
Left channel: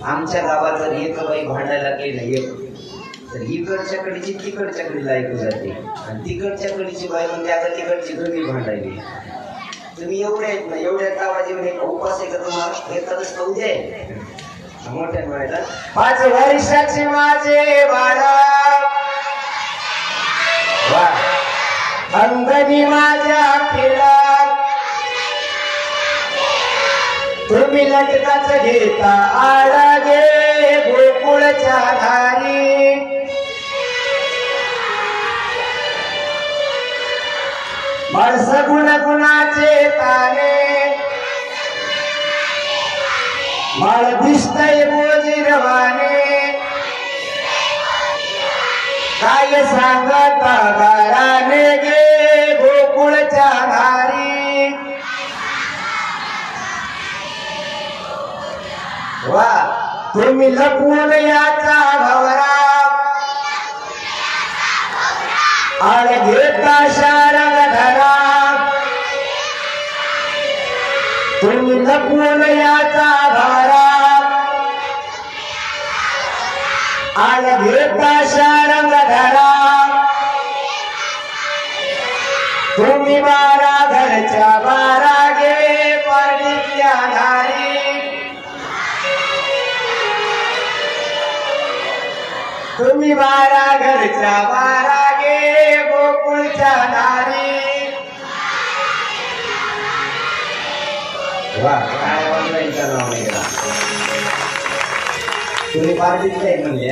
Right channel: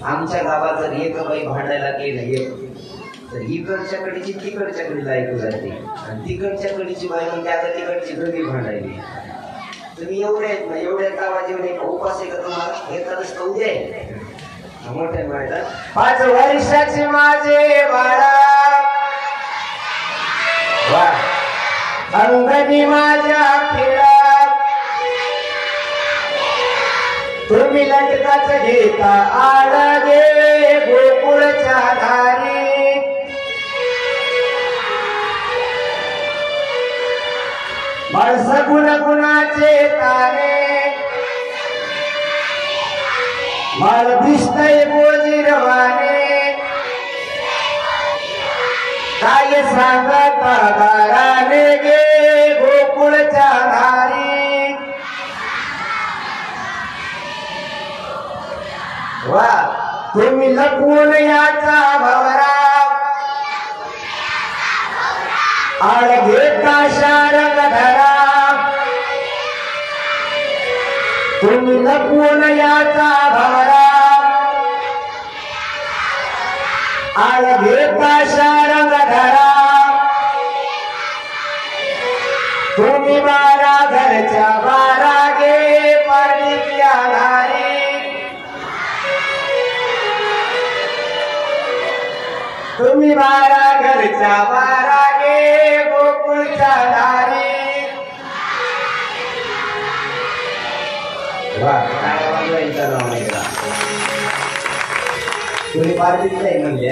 आमच्या गावात जर एक बाई भांडायला गेलं तर इकडच्या कडीची तिकडच्या कडीला ऐकू जाते आणि तिकडच्या कडीची बाई म्हणते आता तिकडची दोन्ही भांडायली. तुम्ही एवढ्या गावात एवढे उपास आहे का तुम्हाला? एखादच खाऊ दे मोठ्या बायला. 5 वर्षाची माझे बाळा, अंगणी माझ्या खेळा, तुम्ही लटकाच घेता आडा गे गोकुळच्या धारी. माणस गुणाचे तारे, मला दिसतय बोजीरवाने, काय सांगता गाराने गे गोकुळच्या धारी. वा तुम्ही लपवून याचा भवरा, आड घेता शारद धरा. तुम्ही लपवून याचा भवरा, आड घेता शारद धरा. तुम्ही 12 घरच्या 12 गे परडीतल्या धारी. तुम्ही 12 घरच्या 12 गे गोकुळच्या धारी. तुम्ही पार्टीतले म्हणजे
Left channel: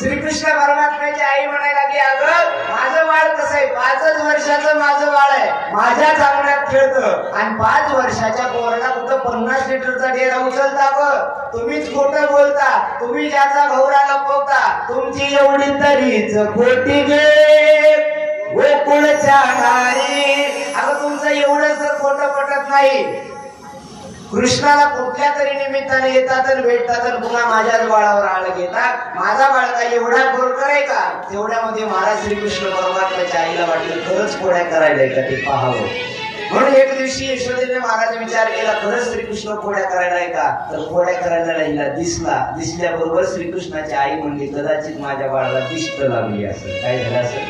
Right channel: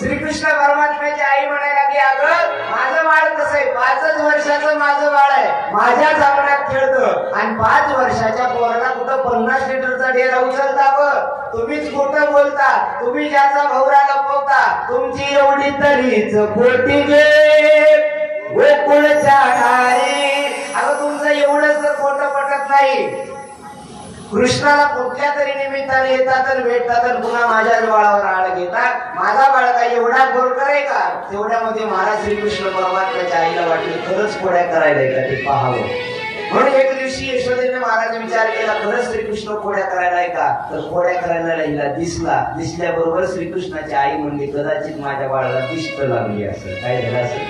श्रीकृष्ण परमात्म्याची आई म्हणायला की अगं माझं बाळ कसं आहे, 5 वर्षाचं माझं बाळ आहे, माझ्याच अंगणात खेळतं आणि 5 वर्षाच्या पोराला कुठं 50 लिटरचा डेरा उचलता ग. तुम्हीच खोटं बोलता, तुम्ही ज्याचा भवरा लपवता, तुमची एवढी तरीच खोटी गे गोकुळच्या धारी. अगं तुमचं एवढंच खोटं पटत नाही. कृष्णाला कुठल्या तरी निमित्ताने येतात तर भेटतात तर पुन्हा माझ्याच बाळावर आळ घेतात. माझा बाळ काय एवढा बोरकर आहे का? तेवढ्यामध्ये महाराज श्रीकृष्ण परमात्म्याच्या आईला वाटलं खरंच पोळ्या करायला का ते पाहावं. म्हणून एक दिवशी यशोदेने महाराज विचार केला, खरंच श्रीकृष्ण खोड्या करायला आहे का? तर खोड्या करायला राहिला. दिसल्याबरोबर श्रीकृष्णाची आई म्हणली, कदाचित माझ्या बाळाला दिष्ट लागली असेल. काय झालं असेल?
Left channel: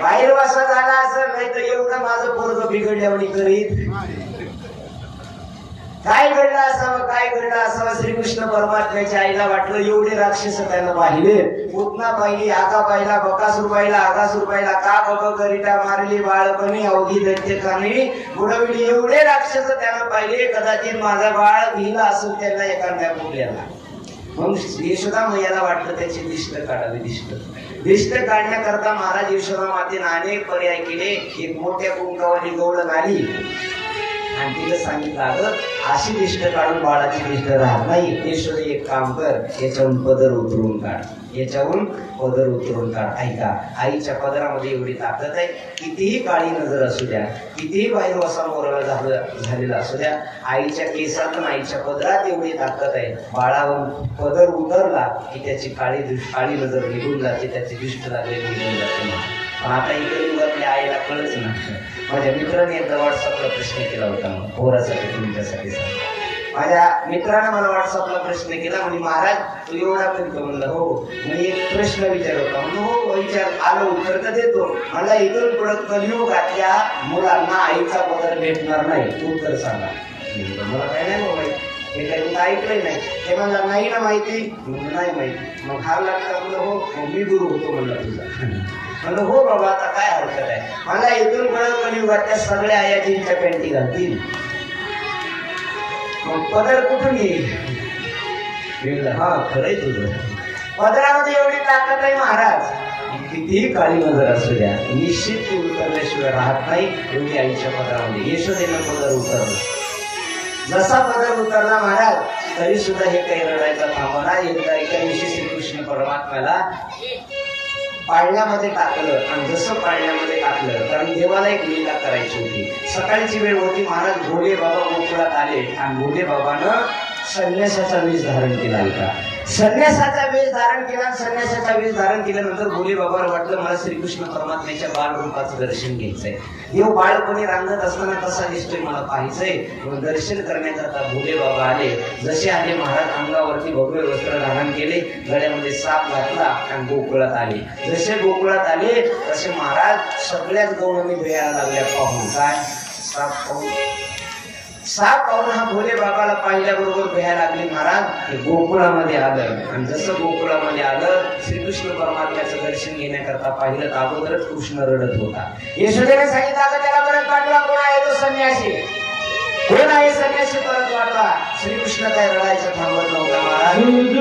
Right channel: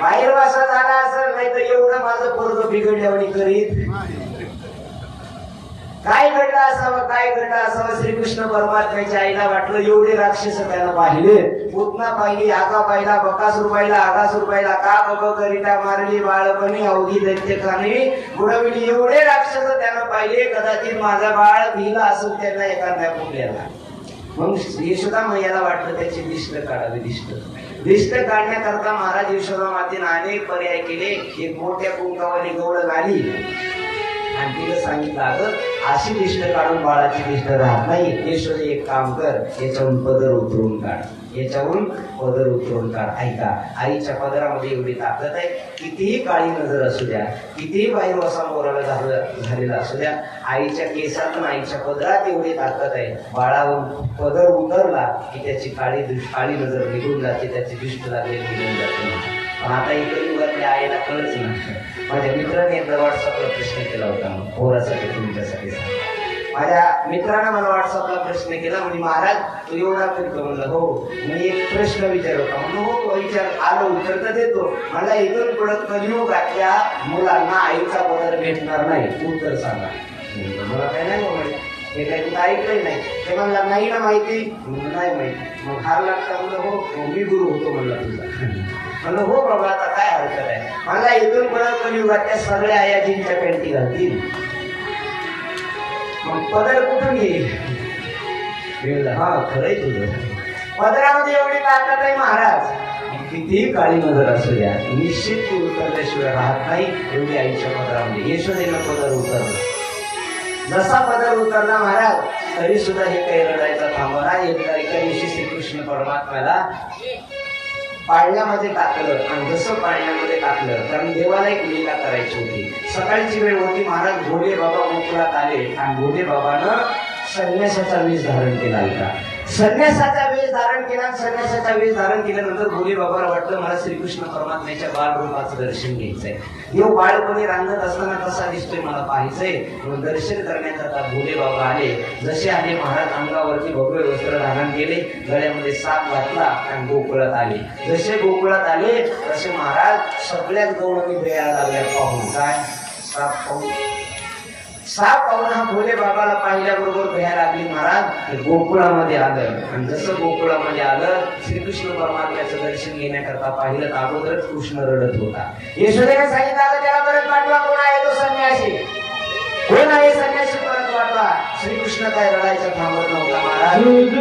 बाहेर वासा झाला असेल, नाही तर एवढं माझं पोरग बिघडल्यावानी करीत. काय घडलं असावं? श्रीकृष्ण परमात्म्याच्या आईला वाटलं एवढे राक्षस त्यानं पाहिले, पूतना पाहिली, आगा पाहिला, बकासूर पाहिला, आगासूर पाहिला, का गप करिता मारली बाळपणी अवधी दैत्यकाने बुडवली. एवढे राक्षस त्यानं पाहिले, कदाचित माझा बाळ भिला असेल त्यांना एखाद्या कुठल्याला. मग यशोदा मैयाला वाटलं त्याची दिष्ट काढावी. दिष्ट काढण्याकरता महाराज यशोदा मातेने अनेक पर्याय केले. एक मोठ्या कुंकावली गवळ गाडी आणि तिला सांगितलं, अगं अशी दिष्ट काढून बाळाची दिष्ट राहत नाही. यशोदे एक काम कर, याच्यावरून पदर उतरून काढ. ऐका, आईच्या पदरामध्ये एवढी ताकद आहे. कितीही काळी नजर असू द्या, कितीही बाहेर वसा मोराला झालेला असू द्या, आईच्या केसात आईच्या पदरात एवढी ताकद आहे. बाळावर पदर उतरला की त्याची काळी नजर निघून जाते, त्याची दिष्ट लागलेली निघून जाते. पण आता इकडे आईला कळच नाही. माझ्या मित्राने एकदा व्हॉट्सअपला प्रश्न केला होता, पोरासाठी तुमच्यासाठी. माझ्या मित्रानं मला व्हॉट्सअपला प्रश्न केला, म्हणजे महाराज तू एवढा करतो? म्हणलं हो. मी एक प्रश्न विचारत होता. म्हणजे हो विचार, आलो उत्तर तर देतो. मला इथून पुढे कलियुगातल्या मुलांना आईचा पदर भेटणार नाही, उत्तर सांगा. मला काय नाही माहिती, हे काही ऐकलंय नाही. ते म्हणला नाही ना माहिती? नाही माहिती. मग हार लागता? म्हणलं हो, मी गुरु होतो म्हणला तुझा. म्हणलं हो बाबा, आता काय हरकत आहे? मला इथून पुढे कलियुगात त्या सगळ्या आयाजींच्या पॅन्टी घालतील, मग पदर कुठून येईल? हा खरंय तुझं. पदरामध्ये एवढी ताकद आहे महाराज, कितीही काळी नजर असू द्या, निश्चित ती उतरल्याशिवाय राहत नाही. एवढी आईच्या पदरामध्ये यशोदेनं पदर उतरलं. जसा पदर उतरला महाराज, तरी सुद्धा हे काही रडायचा थांबवणार. एका दिवशी श्रीकृष्ण परमात्म्याला पाळण्यामध्ये टाकलं. आणि जसं पाळण्यामध्ये टाकलं, कारण देवाला एक लीला करायची होती. सकाळची वेळ होती. महाराज भोले बाबा गोकुळात आले आणि भोले बाबानं संन्यासाचा वेश धारण केला. ऐका, संन्यासाचा वेश धारण केला. संन्यासाचा वेश धारण केल्यानंतर भोले बाबाला वाटलं, मला श्रीकृष्ण परमात्म्याच्या बाळरूपाचं दर्शन घ्यायचंय. देव बाळपणी रांगत असताना कसा दिसतोय मला पाहायचंय. मग दर्शन करण्याकरता भोले बाबा आले. जसे आले महाराज अंगावरती भगवे वस्त्र धारण केले, गळ्यामध्ये साप घातला आणि गोकुळात आले. जसे गोकुळात आले तसे महाराज सगळ्याच गवळणी भेटायला लागल्या. पाहून काय साप पाहून हा भोले बाबाला पाहिल्याबरोबर भ्यायला लागले. महाराज गोकुळामध्ये आलं आणि जसं गोकुळामध्ये आलं, श्रीकृष्ण परमात्म्याचं दर्शन घेण्याकरता पाहिलं तर अगोदरच कृष्ण रडत होता. यशोदेने सांगितलं, आता त्याला परत पाठवा. कोण आहे तो संन्यासी? कोण आहे संन्यासी? परत वाटवा. श्रीकृष्ण काय रडायचा थांबत नव्हता महाराज.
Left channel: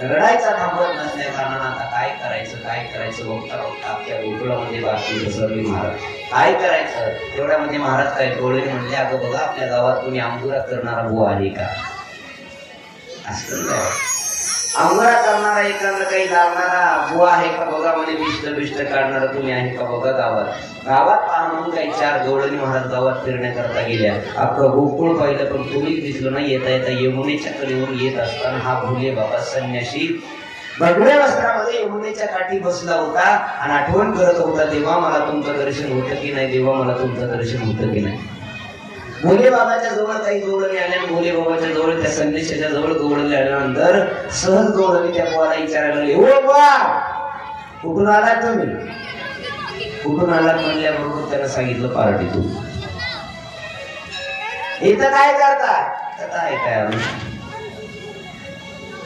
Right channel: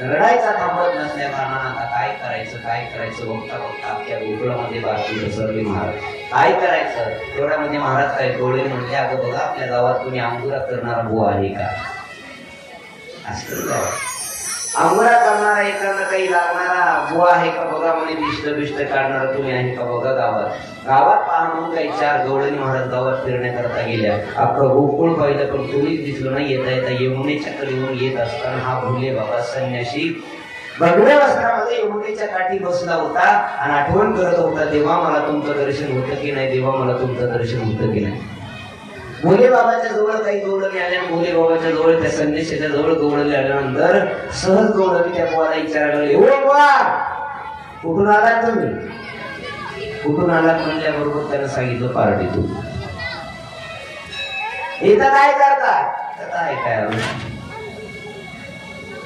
रडायचा थांबत नसल्या कारणानं आता काय करायचं बघता बघता अख्ख्या गोकुळामध्ये बातमी पसरली. महाराज काय करायचं तेवढ्यामध्ये महाराज काय डोळे म्हणले, अगं बघा आपल्या गावात कोणी अंकुरा करणारा बुवा आहे का? असं अंकुरा करणारा एखादा काही लागणारा बुवा आहे का बघा, म्हणे बिष्ट काढणारा कोणी आहे का बघा गावात पाहून काही 4 गवळणी महाराज गावात फिरण्याकरता गेल्या. अख्खं गोकुळ पाहिलं पण कोणीच दिसलं नाही. येता यमुनेच्या कडेवरून येत असताना हा भोले बाबा संन्यासी भगव्या वस्त्रामध्ये यमुनेच्या काठी बसला होता आणि आठवण करत होता, देवा मला तुमचं दर्शन होतं की नाही, देवा मला तुमचं दर्शन होतं की नाही. भोले बाबाच्या जवळ काही गवळणी आल्या. भोले बाबाच्या जवळ त्या संदेशाच्या जवळ गवळणी आल्यानंतर सहज गवळणी त्या बुवाला विचारायला लागले, ओ बुवा कुठून आला तुम्ही? कुठून आला म्हणल्याबरोबर त्यानं सांगितलं पार्टीतून. इथं काय करता? काय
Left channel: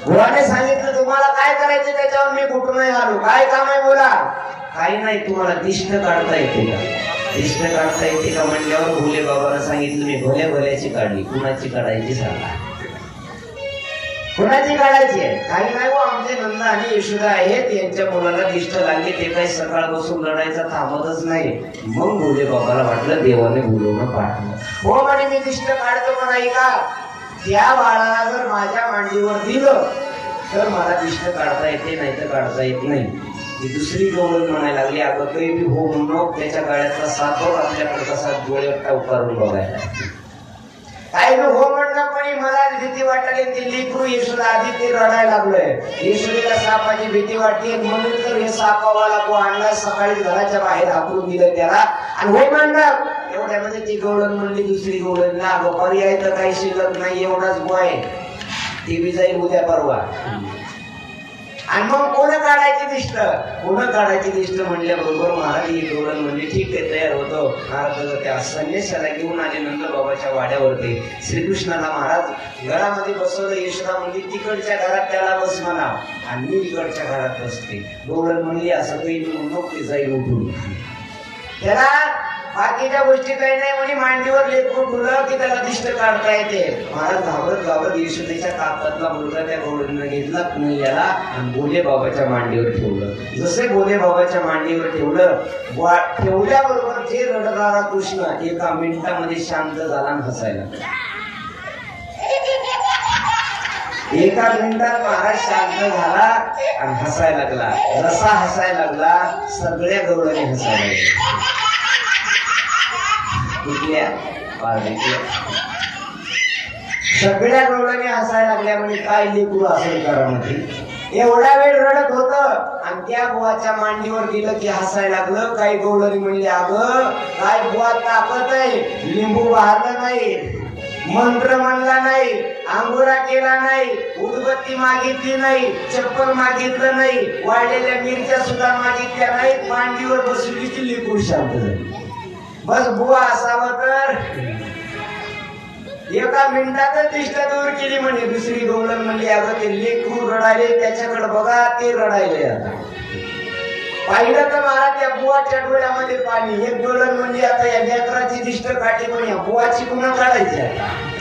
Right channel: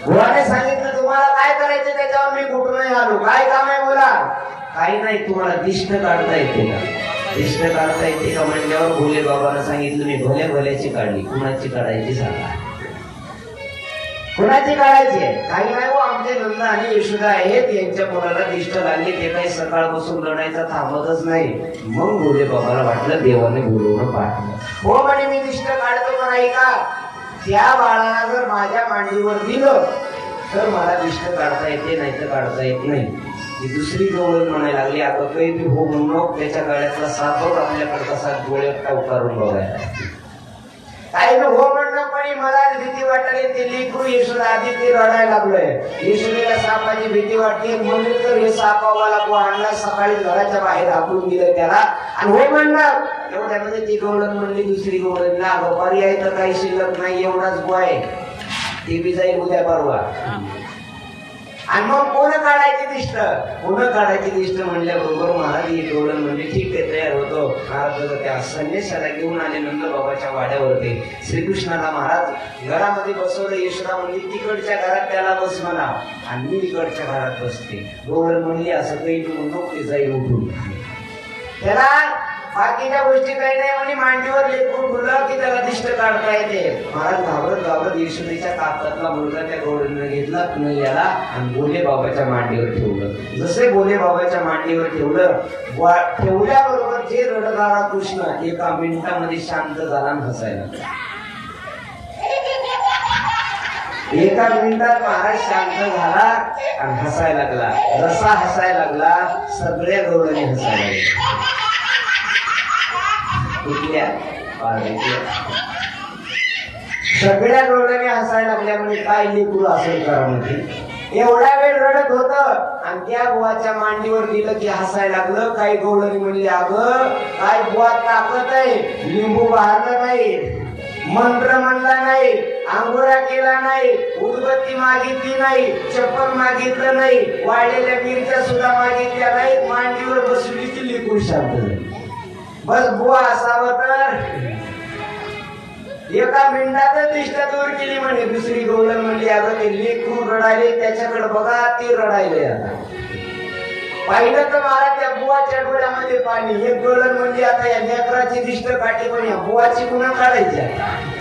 बुवाने सांगितलं तुम्हाला काय करायचं त्याच्यावर मी कुठून नाही आलो. काय काम आहे बोला? काही नाही. तुम्हाला दिष्ट काढता येते का? दिष्ट काढता येते का म्हणल्यावर भोले बाबांना सांगितलं मी भोल्याची काढली. कुणाची काढायची सांगा? कुणाची काढायची आहे? काही नाही हो, आमचे नंद आणि यशोदा आहेत, यांच्या मुलाला दिष्ट लागली. ते काही सकाळपासून लढायचा थांबतच नाही. मग भोले बाबाला वाटलं देवाने बोलवणं पाठवलं. हो म्हणे मी दिष्ट काढतो का नाही का? त्या बाळाला जर माझ्या मांडीवर दिलं तर मला दिष्ट काढता येते, नाही तर काढता येत नाही. ती दुसरी गवळण म्हणायला लागली, अगं काही बी हो म्हणून त्याच्या गाड्यातला साखर आपल्याकडे कसा डोळ्यात उतारून बघायला. काही बी हो म्हणणं पण मला भीती वाटली. ते लेकरू यशोदा आधी ते रडायला लागलोय. यशोदेला सापाची भीती वाटली म्हणून तर हे सापावाला को आणला, सकाळी घराच्या बाहेर हाकलून दिलं त्याला आणि हो म्हणणार. एवढ्यामध्ये ती गवळण म्हणली दुसरी गवळणला, अगं पर्याय तर काही शिल्लक नाही, एवढाच बॉय ती बी जाईल उद्या परवा. आणि मग कोण काढायची दिष्ट? कोण काढायची दिष्ट म्हणल्याबरोबर महाराज ही गवळण म्हणजे ठीक आहे तयार होतो. महाराज त्या संन्यासाला घेऊन आले नंद बाबाच्या वाड्यावरती. श्रीकृष्णाला महाराज घरामध्ये बसवलं. यशोदा म्हणली तिकडच्या घरात त्याला बस म्हणा आणि मी इकडच्या घरात बसते. गवळण म्हणली असं काही म्हणून ते जाईल उठून. त्याला बाकीच्या गोष्टी काही नाही म्हणे, मांडीवर लेकरू ठेवलं की त्याला दिष्ट काढता येते. महाराज घाबरत यशोदेच्या कापातला मुलगा त्या गवळणीनं घेतला पुण्याला आणि भोले बाबाच्या मांडीवर ठेवलं. जसे भोले बाबाच्या मांडीवर ठेवल्याबरोबर जे रडणारा कृष्ण 1 मिनिटामध्ये शांत झाला आणि हसायला. 1 मिनिटात महाराज शांत झाला आणि हसायला लागला. जसा हसायला लागला सगळ्या गवळणी हसायला लागल्या. सगळ्या गवळणी हसायला लागल्या. म्हणजे काय लेकरू असेल घरामध्ये एवढा वेळ रडत होत आणि त्या बुवाच्या मांडीवर दिलं की हसायला लागलं. काही गवळणी म्हणले, अगं काय बुवा ताकद आहे, लिंबू वाहरला नाही, मंत्र म्हणला नाही, अंगोरा केला नाही, उदबत्ती मागितली नाही, चप्पल मागितलं नाही, वाळलेल्या मिरच्या सुद्धा मागितल्या नाहीत, मांडीवर बसवली की लेकरू शांत झाली. बस बुवा असावं तर 1 मिनिटातच दिष्ट दूर केली म्हणे. दुसरी गवळण म्हणली, अगं ते लेकरू रडायले त्याच्याकडे बघा, ते रडायले. आता पाहिलं तर महाराज त्या बुवाच्या डोळ्यामध्ये पाणी. एक गवळण म्हणली, आता या लेकराची दिष्ट काठी पण या बुवाची पुन्हा काढायची. आता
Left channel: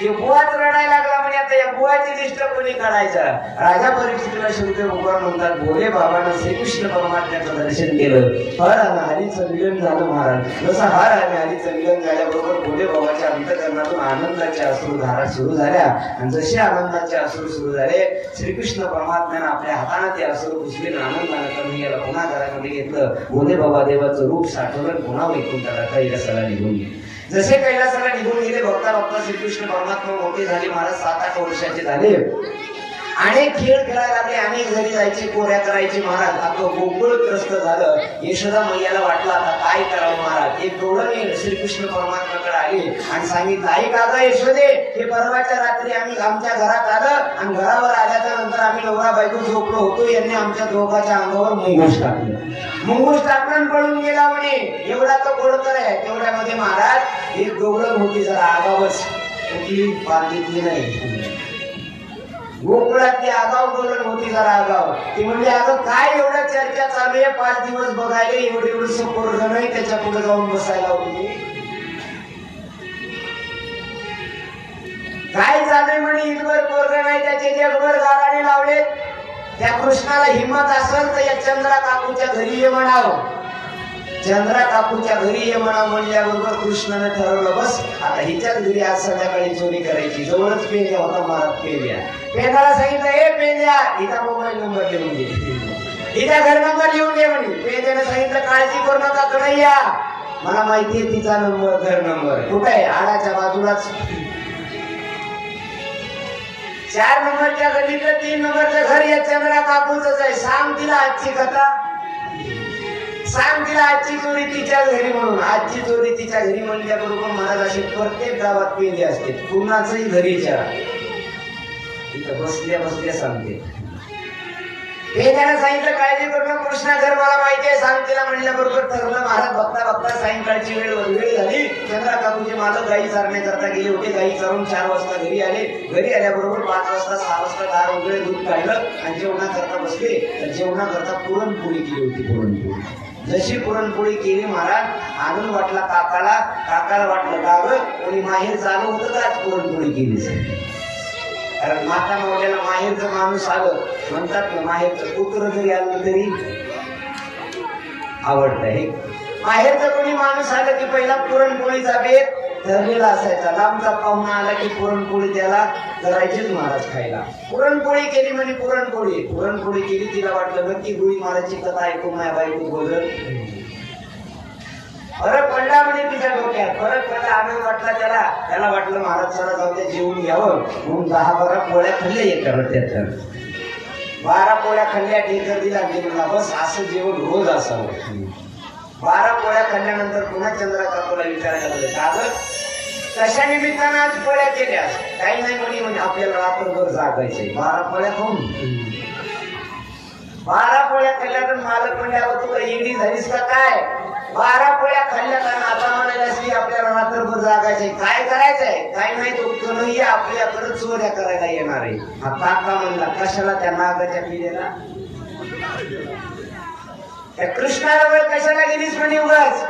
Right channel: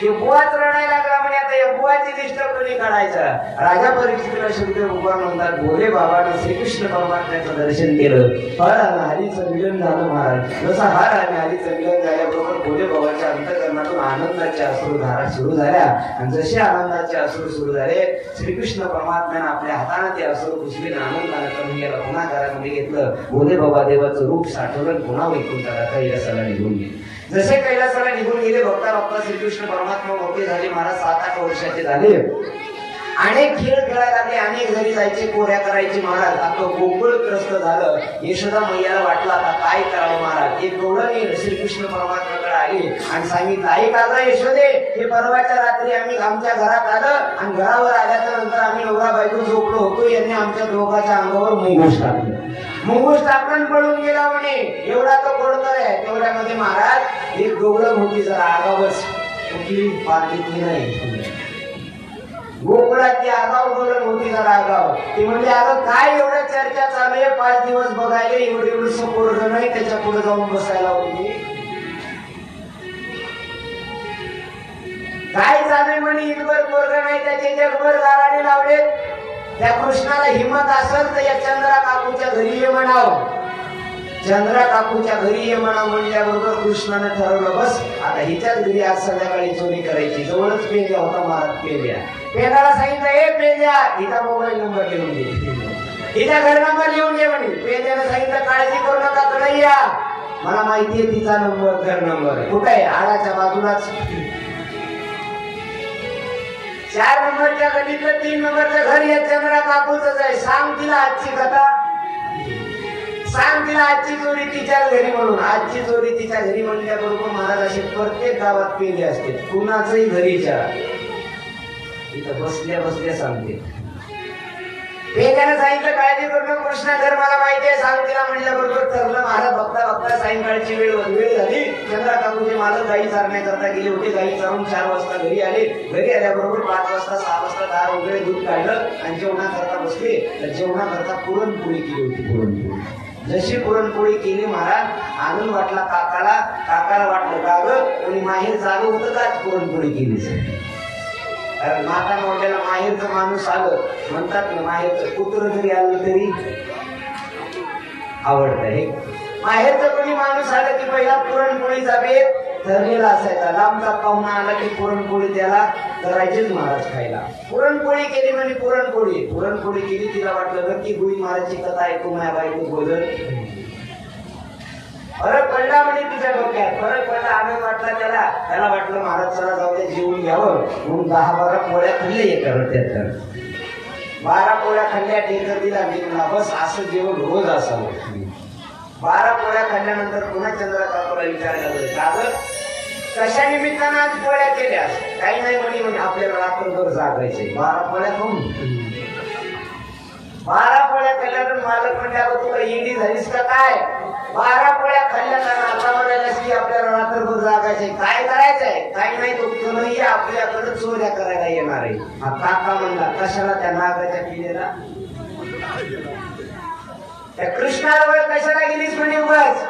ते बुवाच रडायला लागला म्हणे, आता या बुवाची दिष्ट कोणी काढायचा. राजा परीक्षितीला शेवटी भगवान म्हणतात, भोले बाबानं श्रीकृष्ण परमात्म्याचं दर्शन केलं. हर आणि हरीचं मिलन झालं महाराज. जसं हर आणि हरीचं मिलन झाल्याबरोबर भोले बाबाच्या अंतःकरणातून आनंदाचे अश्रुधारा सुरू झाल्या आणि जसे आनंदाचे अश्रू सुरू झाले श्रीकृष्ण परमात्म्यानं आपल्या हाताने ते अश्रू पुसले. आनंदाने करून याला पुन्हा घरामध्ये घेतलं. भोले बाबा देवाचं रूप साठवलं, पुन्हा वैकुंठाला कैलासाला निघून गेले. जसे कैलासाला निघून गेले बघता बघता श्रीकृष्ण परमात्मा मोठे झाले. महाराज 7-8 वर्षाचे झाले. अनेक खेळ खेळायला लागले, अनेक घरी जायचे, कोऱ्या करायचे. महाराज आपलं गोकुळ त्रस्त झालं. यशोदा मैयाला वाटलं आता काय करावं. महाराज एक गवळणी श्रीकृष्ण परमात्म्याकडे आली आणि सांगितलं, ऐक अगं यशोदे, हे परवाच्या रात्री आम्ही आमच्या घरात आलं आणि घरावर आल्याच्या नंतर आम्ही नवरा बायको झोपलो होतो. यांनी आमच्या दोघांच्या अंगावर मुंगूस टाकलं. मुंगूस टाकून पळून गेला म्हणे. एवढा तो गोडकर आहे. तेवढ्यामध्ये महाराज एक गवळण होती, जरा आगावच कुठली पार्टीतली नाही, गोकुळातली आगाव गवळण होती, जरा आगाव. ती म्हणली, अगं काय एवढं चर्चा चालू आहे, 5 दिवस बघायला एवढं पोरग नाही, त्याच्या पुढे जाऊन बसायला होती. काय झालंय म्हणे, इथभर पोरग नाही, त्याचे जगभर गाराडे वाटते त्या कृष्णाला हिंमत असेल तर या चंद्रा काकूच्या घरी ये म्हणावं. चंद्रा काकूच्या घरी ये म्हणा म्हणल्याबरोबर कृष्णाने ठरवलं बस आता हिच्याच घरी आज संध्याकाळी चोरी करायची. जवळच पेल्या होता महाराज पेल्या. पेल्याला सांगितलं हे पेल्या हिचा मोबाईल नंबर लिहून घे, हिचा घर नंबर लिहून घे म्हणे. पेल्याने सांगितलं काळजी करू नका कडे या, मला माहितीये तिचा नंबर घर नंबर कुठे आहे आळ्याच्या बाजूलाच. 4 नंबरच्या गल्लीतलं 3 नंबरचं घर या चंद्रा काकूच आहे. सांग तिला आजची कथा, सांग तिला आजची चोरी तिच्या घरी म्हणून. आजची चोरी तिच्या घरी म्हणल्याबरोबर महाराज असे प्रत्येक गावात पेले असते कुणाचंही घरीच्या इथं बसल्या बसल्या सांगते. पेल्यानं सांगितलं काळजी करून कृष्णा घर मला माहितीये सांग तिला म्हणल्याबरोबर ठरलं. महाराज बघता बघता सायंकाळची वेळ झाली. चंद्रा काकूचे मालक गाई चारण्याकरता गेले होते. गाई चारून 4 वाजता घरी आले. घरी आल्याबरोबर 5 वाजता 6 वाजता दार उघडे दूध काढलं आणि जेवणाकरता बसले. तर जेवणाकरता पुरणपोळी केली होती. पुरणपोळी जशी पुरणपोळी केली महाराज आनंद वाटला काकाला. काकाला वाटलं गावं आणि माहेर चालू होतं का पुरणपोळी केली. कारण माता मावल्याला माहेरचं माणूस आलं म्हणतात ना माहेरचं कुत्र जरी आलं तरी आवडतं. हे माहेरचं कोणी माणूस आलं की पहिला पुरणपोळीचा बेत ठरलेला असायचा. लांबचा पाहुणा आला की पुरणपोळी त्याला करायचीच महाराज खायला. पुरणपोळी केली म्हणजे पुरणपोळी केली. तिला वाटलं नक्की गुळी महाराजची कथा ऐकून नाही बायको बोलत. फरक पडला म्हणजे तिच्या डोक्यात फरक पडला. आनंद वाटला त्याला वाटलं महाराज चला जाऊ दे जेवून घ्यावं म्हणून 10-12 पोळ्या खाल्ल्या. एकावर त्यात 12 पोळ्या खाल्ल्या. टेकर दिला निघला. बस असं जेवण रोज असावं. 12 पोळ्या खाल्ल्यानंतर पुन्हा चंद्रा काकूला विचारायला लागले का कशा निमित्तानं आज पोळ्या केल्या. काही नाही म्हणजे आपल्याला रात्रभर जागायचे. 12 पोळ्या खाऊन 12 पोळ्या खाल्ल्यानंतर मालक म्हणजे अगं तुला इंडी झालीस का काय. 12 पोळ्या खाल्ल्या कारण आता म्हणायला की आपल्याला रात्रभर जागायचे. काय करायचंय काही नाही तो कन्हैया आपल्याकडे चोऱ्या करायला येणार आहे. हा काका म्हणला कशाला त्या नागाच्या पिढीला त्या कृष्णाजवळ कशाला गेलीस म्हणजे उगाच.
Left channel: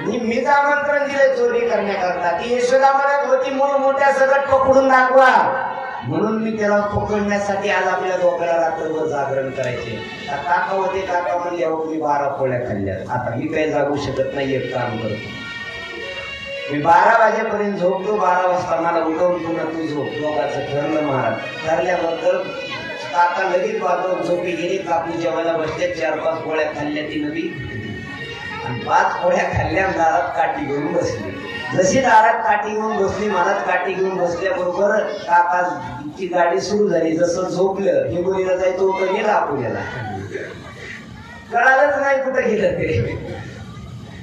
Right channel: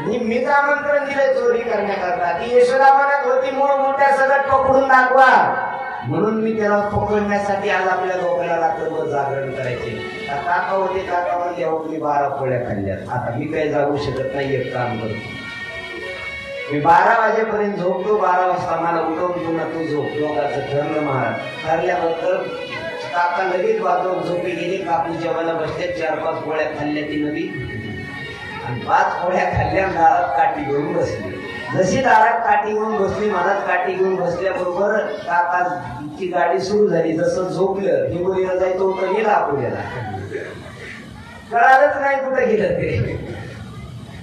मीच आमंत्रण दिलंय चोरी करण्याकरता. ती यशोदा म्हणत होती म्हणून मोठ्या सकट पकडून दाखवा म्हणून मी त्याला पकडण्यासाठी आज आपल्या लोकांना रात्रभर जागरण करायचे. काका होते काका म्हणले हो मी 12 पोळ्या खाल्ल्या आता मी काही जागू शकत नाही. एक काम करतो मी 12 वाजेपर्यंत झोपतो. 12 वाजता मला उठवून पुन्हा तू झोप. लोकांचं ठरलं महाराज. ठरल्याबद्दल काका लगेच वाजवून झोपी गेली. काकू जेवायला बसले. 4-5 पोळ्या खाल्ल्या ती नवी आणि 5 पोळ्या खाल्ल्या. दारात काठी घेऊन बसली. जशी दारात काठी घेऊन बसली महाराज काठी घेऊन बसल्याबरोबर काकाची गाडी सुरू झाली. जसं झोपलं हिंगोलीला जायचं होतं गेला आपल्याला कळालंच नाही कुठे गेलं ते.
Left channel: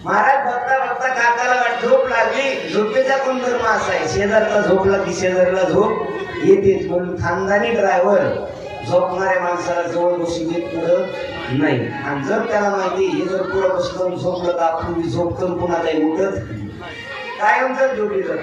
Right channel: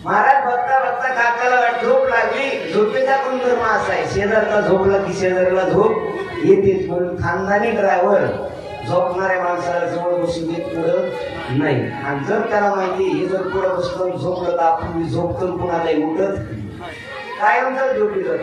महाराज बघता बघता काकाला वाट झोप लागली. झोपेचा गुणधर्म असा आहे शेजारचा झोपला की शेजारला झोप येतेच म्हणून खानदानी ड्रायव्हर झोपणाऱ्या माणसाला जवळ बसून देत पुढं नाही. आणि जर त्याला माहिती हे जर पुढं बसलं झोपलं तर आपण झोपतो पुन्हा काही उठत कायम तर झोपीचं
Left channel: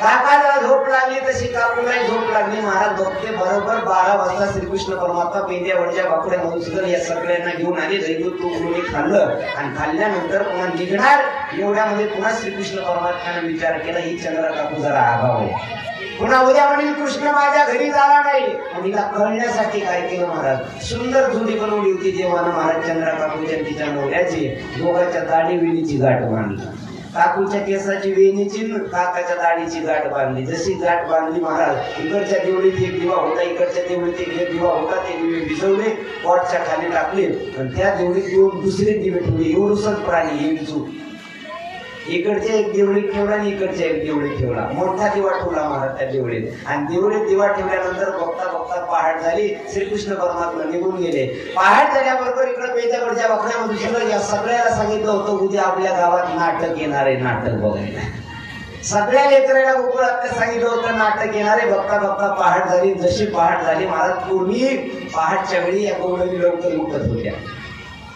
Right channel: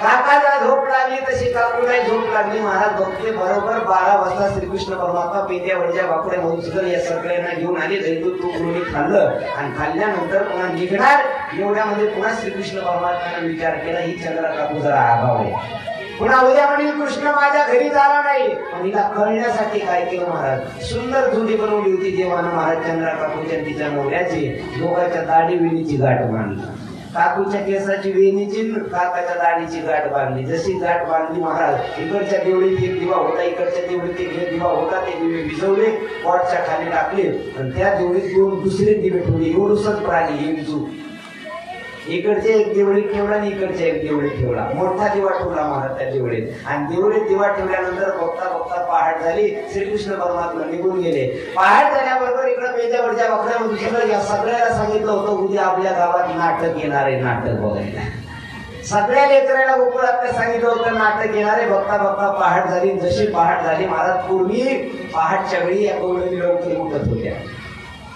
काकाला झोप लागली तशी काकूला झोप लागली. महाराज बघते बरोबर 12 वाजता श्रीकृष्ण परमात्मा पेंड्यावरच्या बाकड्या मधुसूदन या सगळ्यांना घेऊन आले. दैवत तू खाल्लं आणि खाल्ल्यानंतर पुन्हा निघणार एवढ्यामध्ये पुन्हा श्रीकृष्ण परमात्म्याने विचार केला ही चंद्रा काकू जरा आगाव आहे. पुन्हा उद्या म्हणेल कृष्ण माझ्या घरी झाला नाही. पण हिला कळण्यासाठी काय केलं महाराज सुंदर जोडी बनवली होती. देवानं महाराज चंद्रा काकूच्या तिच्या नवऱ्याची दोघांच्या दाढी वेणीची गाठ बांधली. काकूच्या केसाची वेणीची काकाच्या दाढीची गाठ बांधली. जशी गाठ बांधली महाराज इकडच्या देवळीत एक दिवा होता इकडच्या देवळीत एक दिवा होता. ते दिवे भिजवले पॉटच्या खाली टाकले आणि त्या देवळीत येऊन दुसरे दिवे ठेवले. एवढूसच प्राणी एकजूट इकडचे एक देवळीत ठेवला आणि इकडच्या एक देवळीत ठेवला. मोठा दिवा ठेवला महाराज त्या देवळीत आणि देवळीत दिवा ठेवल्यानंतर बघता बघता पहाट झाली. श्रीकृष्ण परमात्मा निघून गेले. पहाट झाल्याबरोबर इकडे पेंड्यावरच्या बकऱ्यामध्ये या सगळ्याला सांगितलं होतं उद्या आपल्या गावात नाटक येणार आहे. नाटक बघायला सगळ्या लेकराला गोकुळात सांगितलं होतं नाटक येणार आहे. बघता बघता पहाट झाली. जशी पहाट झाली महाराज पूर्वी पहाटच्या वेळी या गवळणी लवकर उठत होत्या.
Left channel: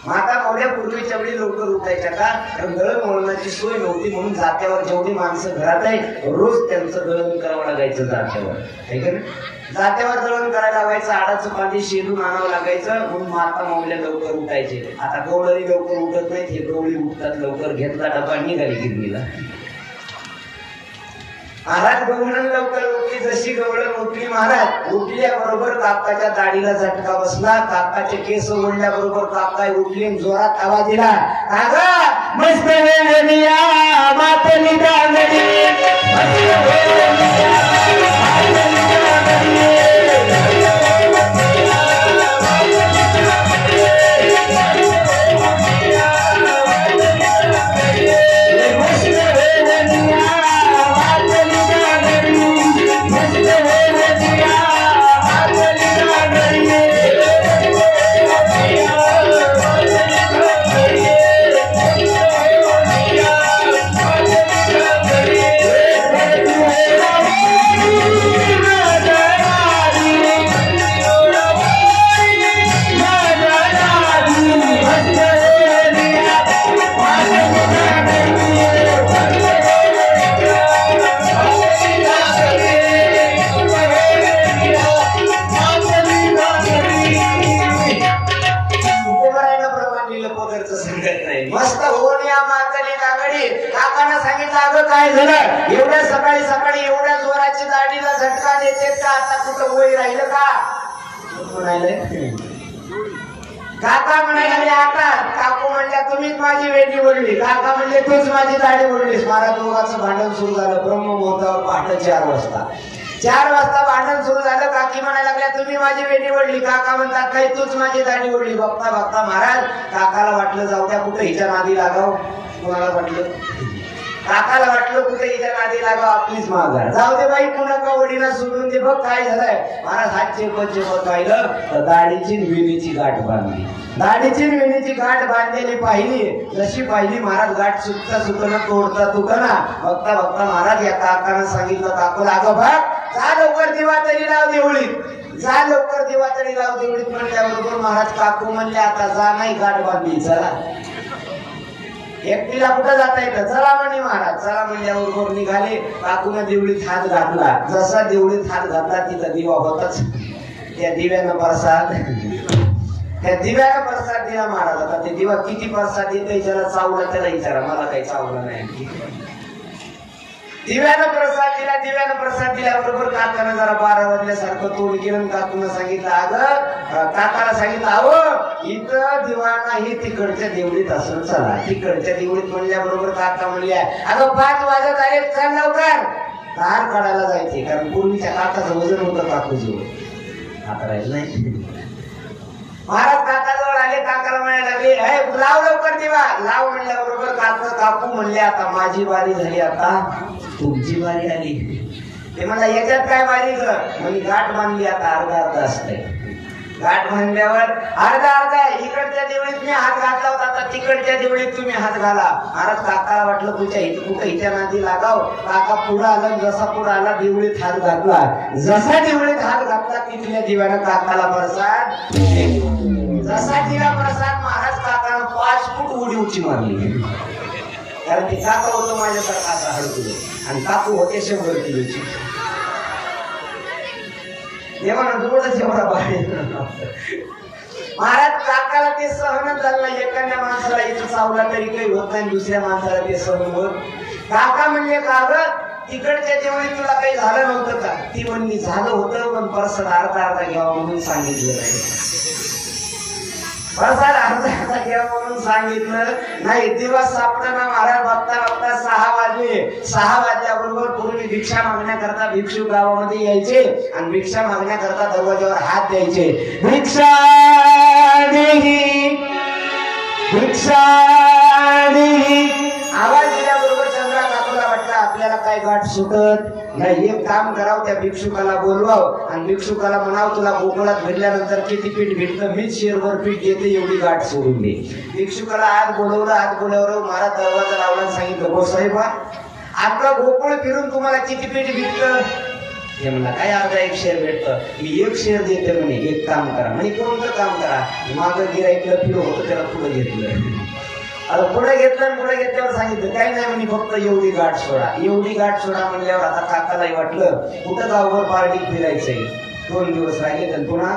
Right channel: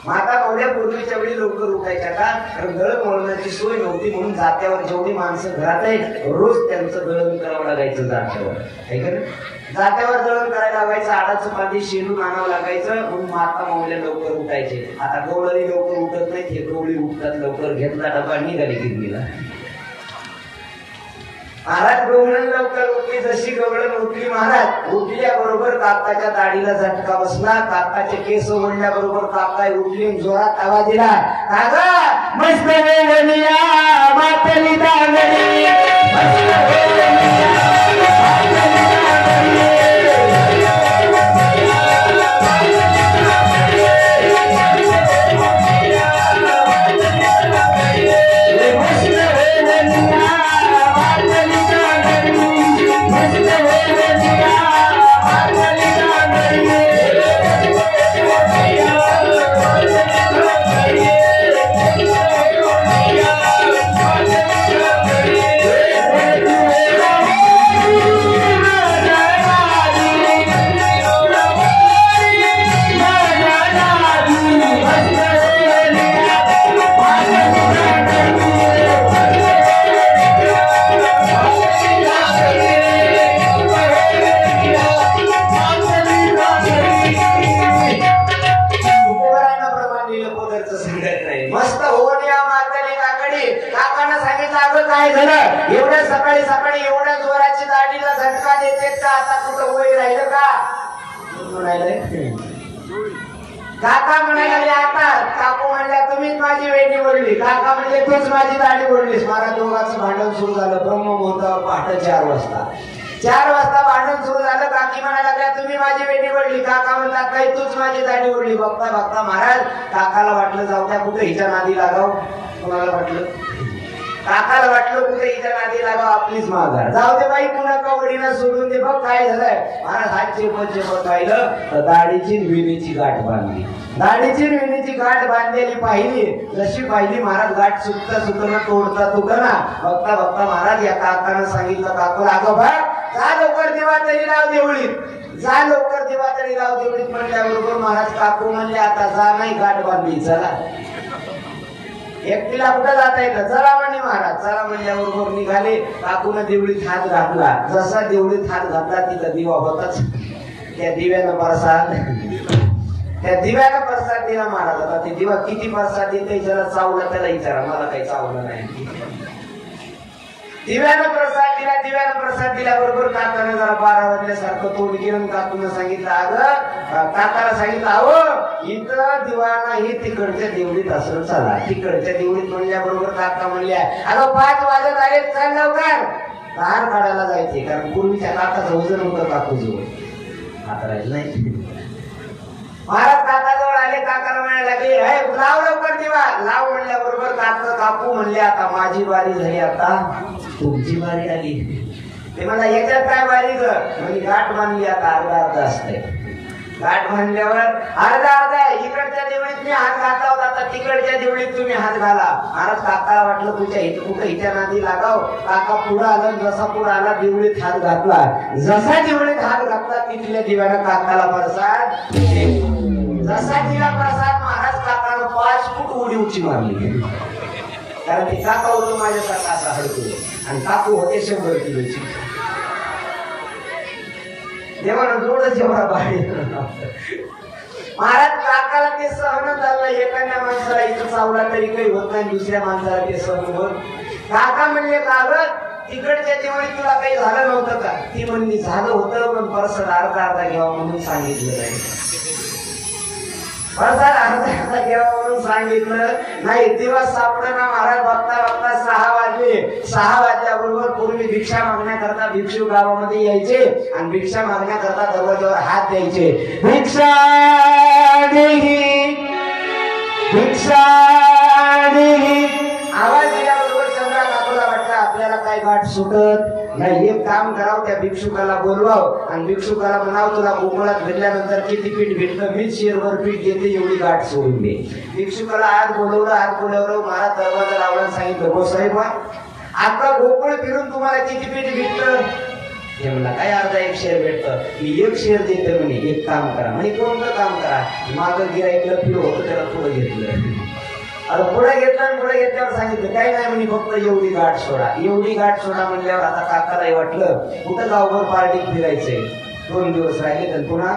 माता कवड्या पूर्वीच्या वेळी लवकर उठायच्या का कारण दळणवळणाची सोय नव्हती म्हणून जात्यावर जेवढी माणसं घरात आहेत रोज त्यांचं दळण करावं लागायचं. जात्यावर जात्यावर दळण करायला लागायचं. आडाचं पाणी शेलून आणावं लागायचं म्हणून माता मावल्या लवकर उठायचे. आता गवळणी लवकर उठत नाहीत. हे गवळी उठतात लवकर. घेतला डबा निघाली गिरणीला. महाराज गवळण लवकर उठली जशी गवळण उठली महाराज. उठल्याबरोबर काकाच्या दाढीला झटका बसला. काकाचे केस ओढल्याबरोबर काका उठले, जोरात आवाज दिला, काका मस्त मातली एवढ्या सकाळी सकाळी एवढ्या जोराची दाढीला झटका देते का? आता कुठं वय राहिलं का? म्हणाले काका म्हणाले आता काकू म्हणल्या तुम्हीच माझी वेणी ओढली. काका म्हणले तूच माझी दाढी ओढलीस. महाराज दोघांचं भांडण सुरू झालं. ब्रह्ममुहूर्तावर पहाटे 4 वाजता. 4 वाजता भांडण सुरू झालं. काकी म्हणायला लागल्या तुम्ही माझी वेणी ओढली. काका म्हणतात काही तूच माझी दाढी ओढली. बघता बघता महाराज काकाला वाटलं जाऊ द्या कुठे हिच्या नादी लागाव. कोणाला वाटलं? काकाला वाटलं कुठे हिच्या नादी लागाव आपलीच माघार. जाऊ दे बाई तू नका ओढीला सोडून दे. बघ काय झालंय महाराज हात चेपत राहिलं तर दाढीची वेणीची गाठ बांधली. दाढीची वेणीची गाठ बांधलेली पाहिली. जशी पाहिली महाराज गाठ सुटता सुटणं तोडता तुटना. बघता बघता महाराज या काकानं सांगितलं काकूला अगं भाग जा लवकर देवा तरी लाव देवळीत. जा लवकर देवा तरी लाव देवळीत म्हणल्याबरोबर महाराज काकू म्हणले आता जा नाही गाठ बांधली चला. एकटीला कुठं जाता येतं? चला म्हणे महाराज. चला म्हणल्याबरोबर निघाले. काकूने देवळीत हात घातला. जसा देवळीत हात घातला तिथं दिवा होताच. त्या दिव्यानं प्रसाद दिला महाराज. आता ते दिवा किती प्रसाद देते ज्याला चावलं त्याला विचारा. मला काही चावलं नाही. दिव्यानं प्रसाद दिल्याबरोबर काकानं जरा 12 वाजल्यासारखं तोंड केलं. काकूनं सांगितलं अगं काकाला सांगितलं अहो इथं दिवा नाही तिकडच्या देवळीत असं चला. तिकडच्या देवळीत म्हणल्याबरोबर काका म्हणल्या अगं 5 वाजत आले चल लवकर. धार काढायला जायचे कारण पूर्वीच्या काकाचं वजन होतं काकूजवळ. आता राहील नाही. महाराज काकाजवळ आले. काकाला म्हणायला लागले लाव लवकर दिवा. लाव म्हणल्याबरोबर काकू म्हणले आता माझी बारी झाली आता तुमची बारी आली. ते म्हणला याच्यात काय बारी म्हणजे गाठ बांधली आता अर्धा असते. गाठ बांधल्यावर अर्धा इकडच्या देवळीत मी हात घातला होता आता तिकडच्या देवळीत तुम्ही हात घाला. महाराज काकाला वाटलं तुझ्या कुठं हिच्या नादी लागाव. काका पुढे आला. जसा पुढे आला देवळीत हात घातला. जसा देवळीत हात घातला तिथल्या दिव्यानं काकाला प्रसाद. जसा दिला प्रसाद महाराज काकानं 5 फूट उडी उची मारली. कारण ते काका होतं माझ्यासारखा असा हडकुले आणि काकू होते 100 किलोची. देवानं जोडच एवढा बाहेर. महाराज काकाला ते सहन झालं. एखाद्या माणसाला इथं चावला तरी काही होत नाही. दुसऱ्या माणसाला ते सहन होत. काका म्हणले का तिकडच्या देवळी तुला काही झालं नव्हतं का? ती म्हणली झालं होतं पण प्रसाद अर्धा घ्यावा म्हणून सांगितलं नाही. प्रसाद अर्धा घ्यावा म्हणून सांगितलं नाही. दिवस सापडना. महाराज बघता बघता 6 वाजले. 6 वाजल्याबरोबर पूर्वी भिक्षा मागण्याकरता भिक्षू गावामध्ये यायचे आणि भिक्षा मागण्याकरता दरवाजावर हात द्यायचे. भिक्षा देही भिक्षा देही. आवाज दिल्याबरोबर चंद्रा काकूला वाटलं आपल्याला काही गाठ सुटत नाही. एक काम करावं त्या भिक्षुकाला बोलवावं आणि भिक्षुकाला म्हणावं तुला गोकुळात भेटल्यानंतर किती पीठ भेटलं मीच शेरभर पीठ देते एवढी गाठ सोडून दे. भिक्षुकाला आज बोलवलं. महाराज दरवाजा लावला सांगितलं गो साहेब आता गोकुळ फिरून तुम्हाला किती पीठ भेटलं? हे म्हणला काय अर्धा 1 शेर भेटतं. मी 1 शेर देते म्हणे. एक काम करा म्हणजे कोणतं काम करा. मागं गिराईकलं फिर होतं त्याला पुढे घेतलं. आता पुढे घेतल्यावर सांगितलं काही नाही म्हणे फक्त एवढी गाठ सोडा. एवढी गाठ सोडा म्हणल्यावर आता काकालाही वाटलं कुठं गावभर पार्टीत फिरायचंय. 2 दिवस राहिले तर पुन्हा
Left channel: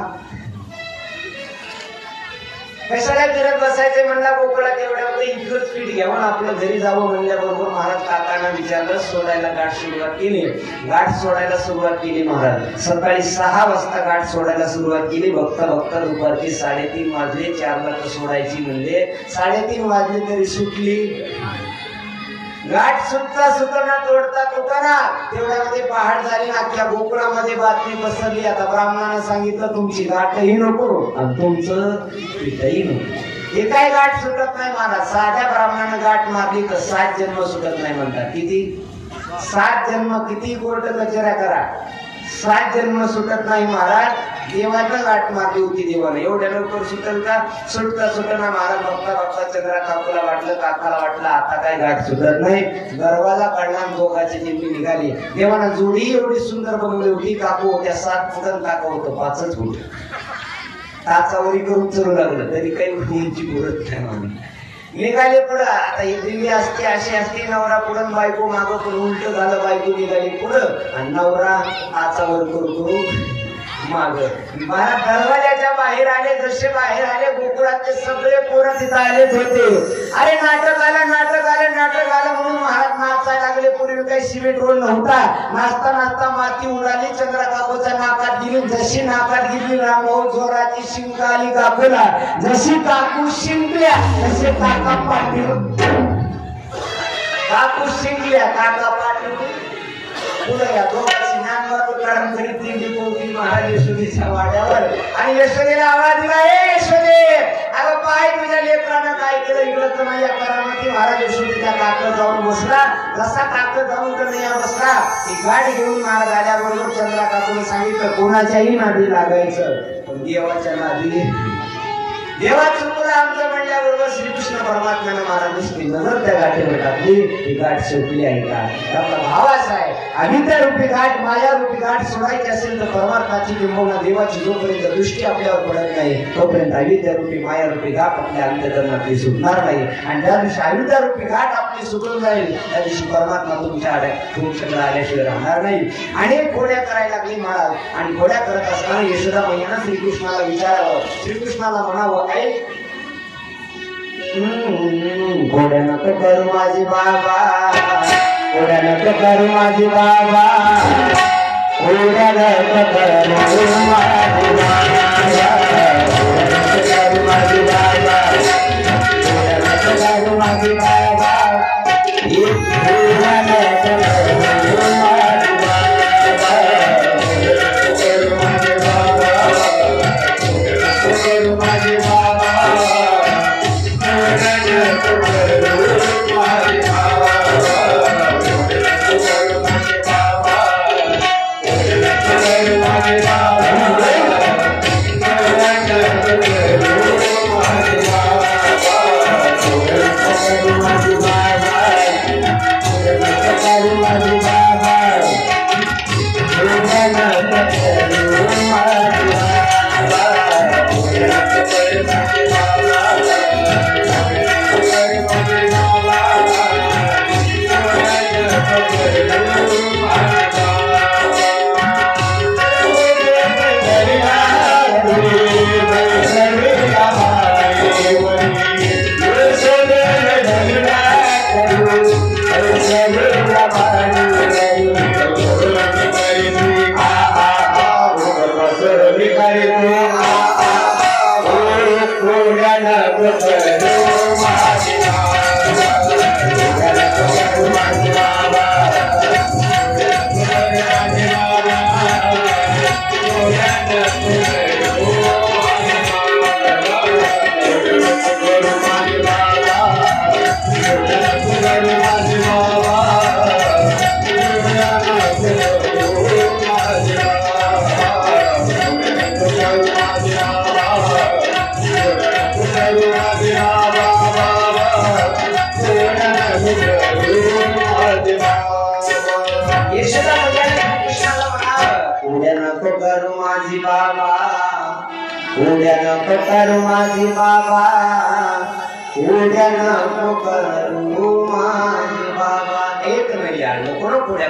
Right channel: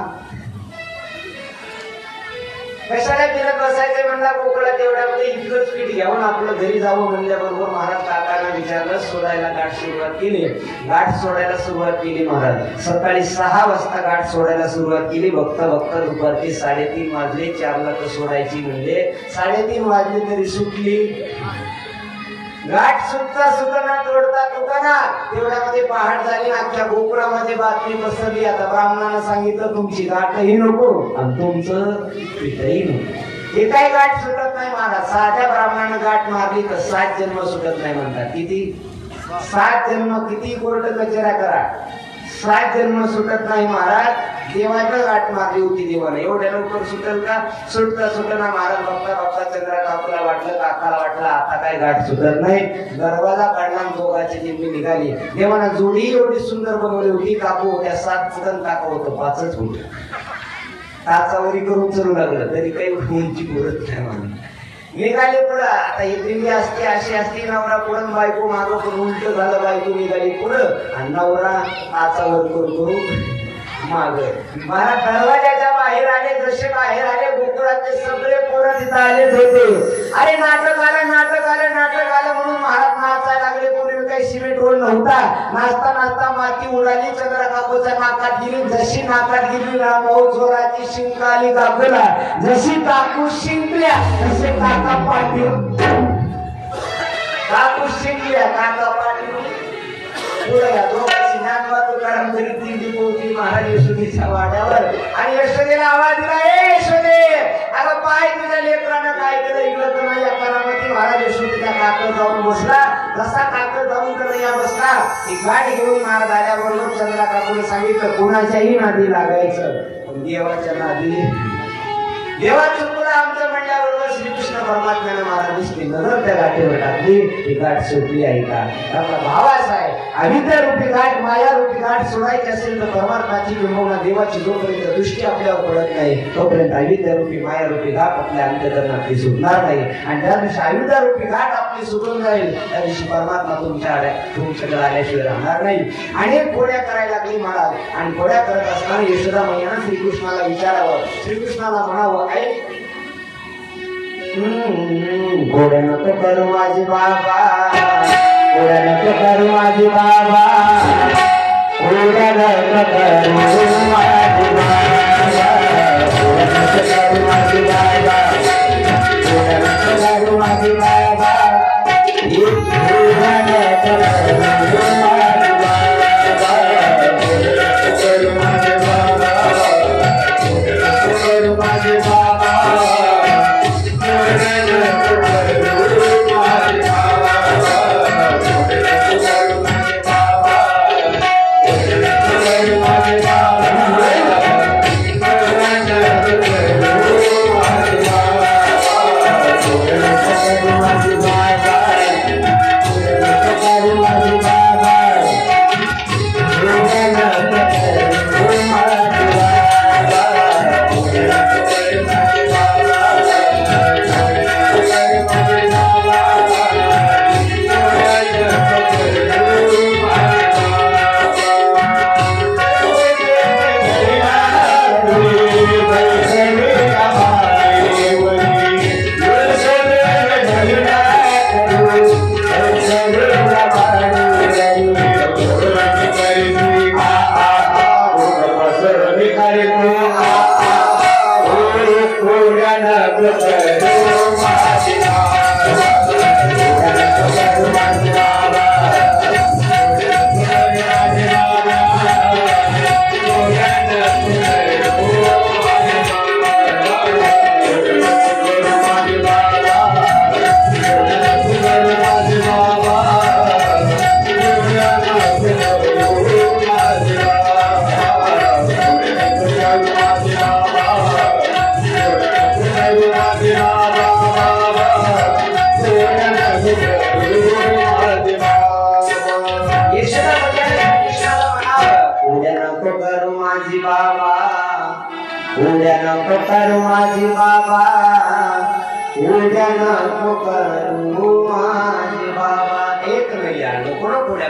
कशाला फिरत बसायचे म्हणला कोकणात एवढ्यामध्ये इथलंच पीठ घ्यावं आपलं घरी जावं म्हणल्याबरोबर महाराज काकांना विचारलं सोडायला गाठ सुरुवात केली. गाठ सोडायला सुरुवात केली महाराज. सकाळी 6 वाजता गाठ सोडायला सुरुवात केली. बघता बघता दुपारची 3:30 वाजले. 4ला तर सोडायची म्हणजे 3:30 वाजले तरी सुटली. गाठ सुटता सुटना तोडता तुटना तेवढ्यामध्ये पहाट झाली. अख्ख्या गोकुळामध्ये बातमी पसरली. आता ब्राह्मणानं सांगितलं तुमची गाठही नको आणि तुमचं पीठही नको. हे काय गाठ सुटत नाही महाराज. साध्या ब्राह्मणानं गाठ मारली तर 7 जन्म सुटत नाही म्हणतात. किती? 7 जन्म. किती कोर्ट कचऱ्या करा 7 जन्म सुटत नाही महाराज. देवानं गाठ मारली होती देवानं. एवढ्या लवकर सुटेल का? सुटता सुटना महाराज. बघता बघता चंद्रा काकूला वाटलं काकाला वाटलं आता काय गाठ सुटत नाही. दरवाजा काढला दोघाची निम्मी निघाली. देवानं जोडी एवढी सुंदर बनवली होती. काकू होत्या 7 फुट काका होतं 5च फुट. टाचावरी करून चरू लागलं तरी काही उंची बोलत नाही म्हणून निघाले पुढं. आता ही दिल्ली असते अशी असते. नवरा पुढं बायको मागं करून उलट झालं. बायको निघाली पुढं आणि नवरा आचावर करतो माग. मला दरवाजाच्या बाहेर आले. जसे बाहेर आले गोकुळातले सगळे पोरं तिथं आलेच होते. अरे नाटक आलं नाटक आलं नाटक आलं म्हणून महाराज नाचायला लागले. पूर्वी काही सिमेंट रोल नव्हता. नाचता नाचता माती उडाली. चंद्रा काकूच्या नाकात गेली. जशी नाकात गेली रामभाऊ जोराची शिंक आली काकूला. जशी काकू शिंकल्या तसे काका पाठवून काकू शिंकल्या काका पाठवून महाराज यशोदेच्या वाड्यावर. आणि यशोदेला आवाज दिला ए यशोदे अगं पाय तुझ्या लेकरानं काय केलं इकडं तर नाही. या करामती महाराज यशोदेच्या काकड जाऊन बसला. जसा काकड जाऊन तर या बसला. ही गाठ घेऊन महाराज आल्याबरोबर चंद्रा काकूने सांगितलं कोणाच्याही नादी लागायचं पण देवाच्या नादी. देवाची मुलं आमच्या म्हणल्याबरोबर श्रीकृष्ण परमात्म्यानं महाराजांची नजर त्या गाठीवर टाकली. ही गाठ सोडली आहे का? आपला भावाच आहे. अविद्या रूपी गाठ माया रूपी गाठ सोडायची असेल तर परमात्म्याची किंवा देवाची जोपर्यंत दृष्टी आपल्यावर पडत नाही तोपर्यंत अविद्या रूपी माया रूपी गाठ आपल्या अंतःकरणातली सुटणार नाही. आणि ज्या दिवशी अविद्या रूपी गाठ आपली सुटून जाईल त्या दिवशी परमात्मा तुमच्याकडे आल्याशिवाय राहणार नाही. अनेक घोड्या करायला लागली महाराज. आणि घोड्या करत असताना यशोदा मैयानं श्रीकृष्णाला विचारावं. श्रीकृष्णाला म्हणावं काय घोड्या नको करू माझे बाबा. घोड्या नको करू माझे बाबा. घोड्या नको करू माझे बाबा. घोड्या नको करू माझे बाबा. घोड्या नको करू माझे बाबा. घोड्या नको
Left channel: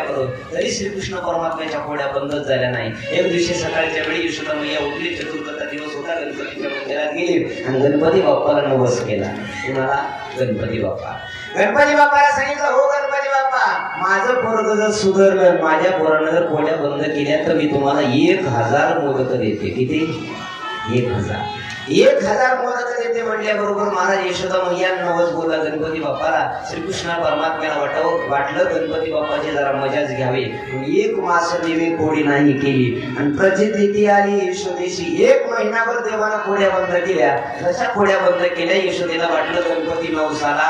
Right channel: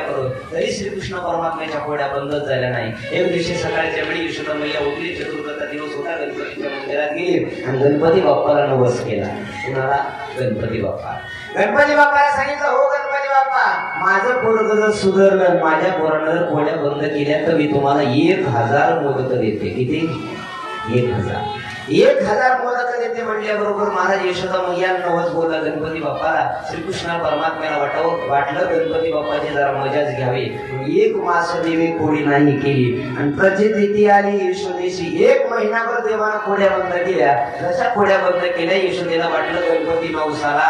करू तरी श्रीकृष्ण परमात्म्याच्या घोड्या बंदच झाल्या नाही. एक दिवशी सकाळच्या वेळी यशोदा मैया उठली. चतुर्थीचा दिवस होता. गणपतीच्या मंदिरात गेली. केली आणि गणपती बाप्पाला नवस केला. कुणाला? गणपती बाप्पा. गणपती बाप्पाला सांगितलं, हो गणपती बाप्पा, माझं पोरग जर सुधारलं, माझ्या पोरानं जर कोड्या बंद केल्या तर मी तुम्हाला 1000 मोदक देते. किती? 1000 मोदक देते म्हणल्याबरोबर महाराज यशोदा मैया नवस बोला गणपती बाप्पाला. श्रीकृष्ण परमात्म्याला वाटलं गणपती बाप्पाची जरा मजाच घ्यावी. 1 मास देवी कोडी नाही केली आणि प्रचिती आली यशोदेशी. 1 महिनाभर देवाला खोड्या बंद केल्या. जशा खोड्या बंद केल्या यशोदेला वाटलं गणपती नवसाला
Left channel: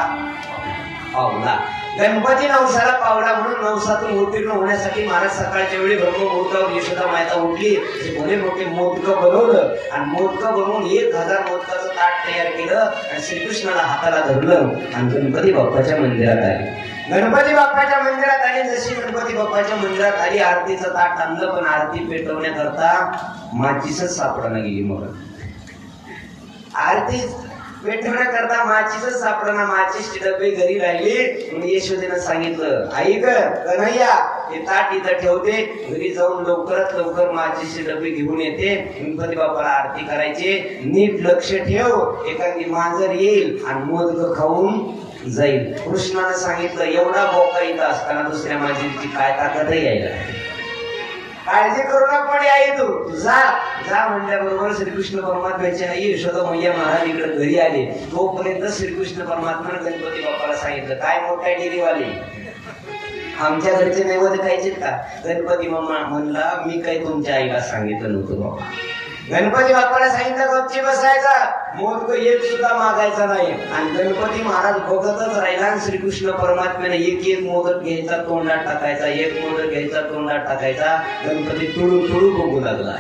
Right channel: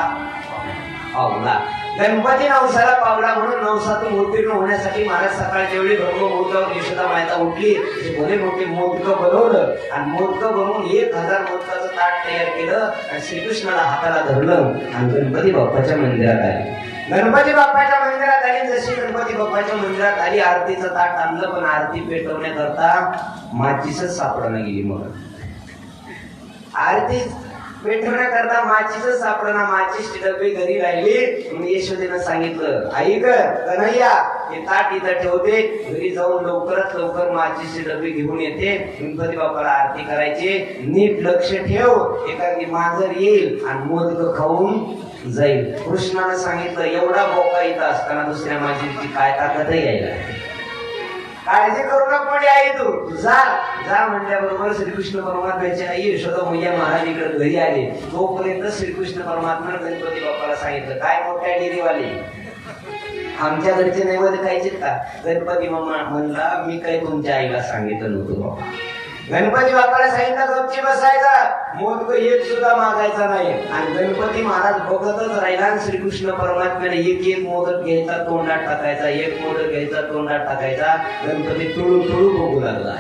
पावला. गणपती नवसाला पावला म्हणून नवसातून उत्तीर्ण होण्यासाठी महाराज सकाळच्या वेळी ब्रह्ममुहूर्तावर यशोदा माता उठली. भले मोठे मोदकं बनवलं आणि मोदकं बनवून 1000 मोदकाचं ताट तयार केलं आणि श्रीकृष्णाला हाताला धरलं आणि गणपती बाप्पाच्या मंदिरात आली. गणपती बाप्पाच्या मंदिरात आली. जशी गणपती बाप्पाच्या मंदिरात आली, आरतीचं ताट आणलं पण आरती पेटवण्याकरता माचीसच सापडणं गेली. मग आरती पेटवण्याकरता माचीसच सापडणं. माचीसची डबे घरी राहिली. यशोदेनं सांगितलं, आई ग कन्हैया, हे ताट इथं ठेवते, घरी जाऊन लवकरात लवकर माचीसचे डबे घेऊन येते, गणपती बाप्पाला आरती करायची. नीट लक्ष ठेव, एखादी मांजर येईल आणि मोदक खाऊन जाईल. कृष्णानं सांगितलं, एवढा बोका इथं असताना दुसऱ्या मांजरीची काय ताकद यायला? काळजी करू नको आई, तू जा म्हणल्याबरोबर श्रीकृष्ण परमात्म्याची आई यशोदा मैया महाराज इकडे घरी आले. तोपर्यंत श्रीकृष्ण परमात्म्याने गणपती बाप्पाला सांगितलं, काय मोठ्या डेअरीवाले, आमच्या घरचे नैवेद्य खायचे का? गणपती म्हणला, मी काही तुमच्या आईला सांगितलं नव्हतं बाबा. गणपती बाप्पाला सांगितलं, गपची बसायचा, मोदक एक सुद्धा मागायचा नाही. आणि गणपती महाराज बघतच राहिला. श्रीकृष्ण परमात्म्याने एक मोदक घ्यायचा, तोंडात टाकायचा, एक मोदक घ्यायचा, तोंडात टाकायचा. गणपती तुळू तुळू बघू लागला.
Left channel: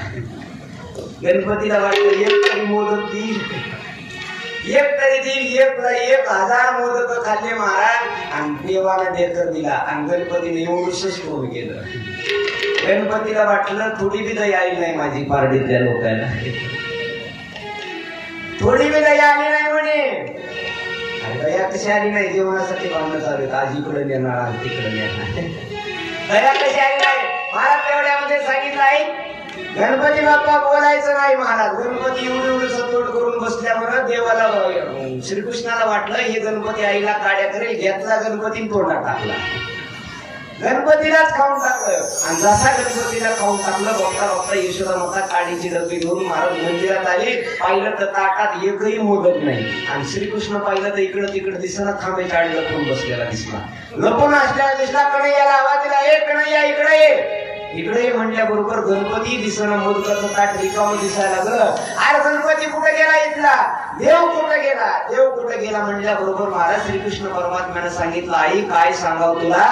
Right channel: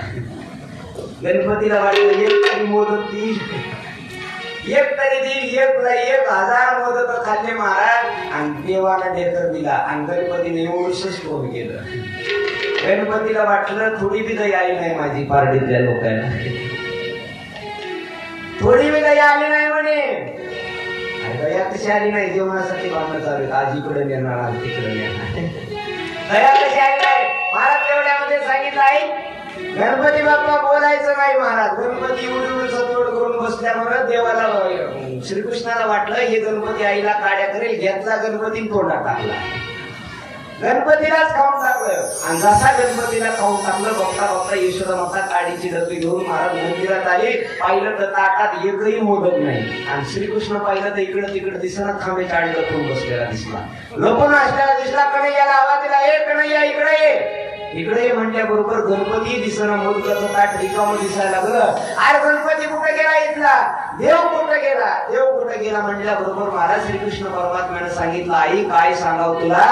गणपतीला वाटलं, एक तरी मोदक देईल, एक तरी देईल. 1000 मोदक खाल्ले महाराज आणि देवाला डेकर दिला आणि गणपतीने एवढंच फोन केलं. गणपतीला वाटलं, थोडी बी दया आली नाही माझी पारडीतल्या लोकांना, थोडी बी दया आली नाही म्हणे. दया कशी आली नाही? जेवणासाठी भांडणं चालू, आज इकडे नेणार, आज तिकडे नेणार. दया कशी आली नाही? महाराज तेवढ्यामध्ये सांगितलं, आई गणपती बाप्पा बोलायचं नाही. महाराज गणपती एवढं सतोड करून बसल्यामुळे देवाला श्रीकृष्णाला वाटलं हे गणपती आईला काड्या करेल. घेतला गणपती तोंडात टाकला, गणपतीलाच खाऊन टाकलं. आणि जसा गणपतीला खाऊन टाकलं, बघता यशोदा माता काडीची डबी घेऊन महाराज मंदिरात आले. पाहिलं तर ताटात एकही मोदक नाही. आणि श्रीकृष्ण पाहिलं तर इकडं तिकडं दिसणं, खांब्याच्या आडी लपून बसलेला दिसला, लपून असलेला दिसला. कन्हैयाला आवाज दिला, ए कन्हैया इकडे ये. इकडे म्हणल्याबरोबर गणपती दिसणं, मोदकाचं ताट रिकामं दिसायला लागलं. अरे गणपती कुठे गेला इथला? देव कुठे गेला? देव कुठे गेला म्हणल्याबरोबर महाराज श्रीकृष्ण परमात्म्याने सांगितलं, आई काय सांगाव तुला,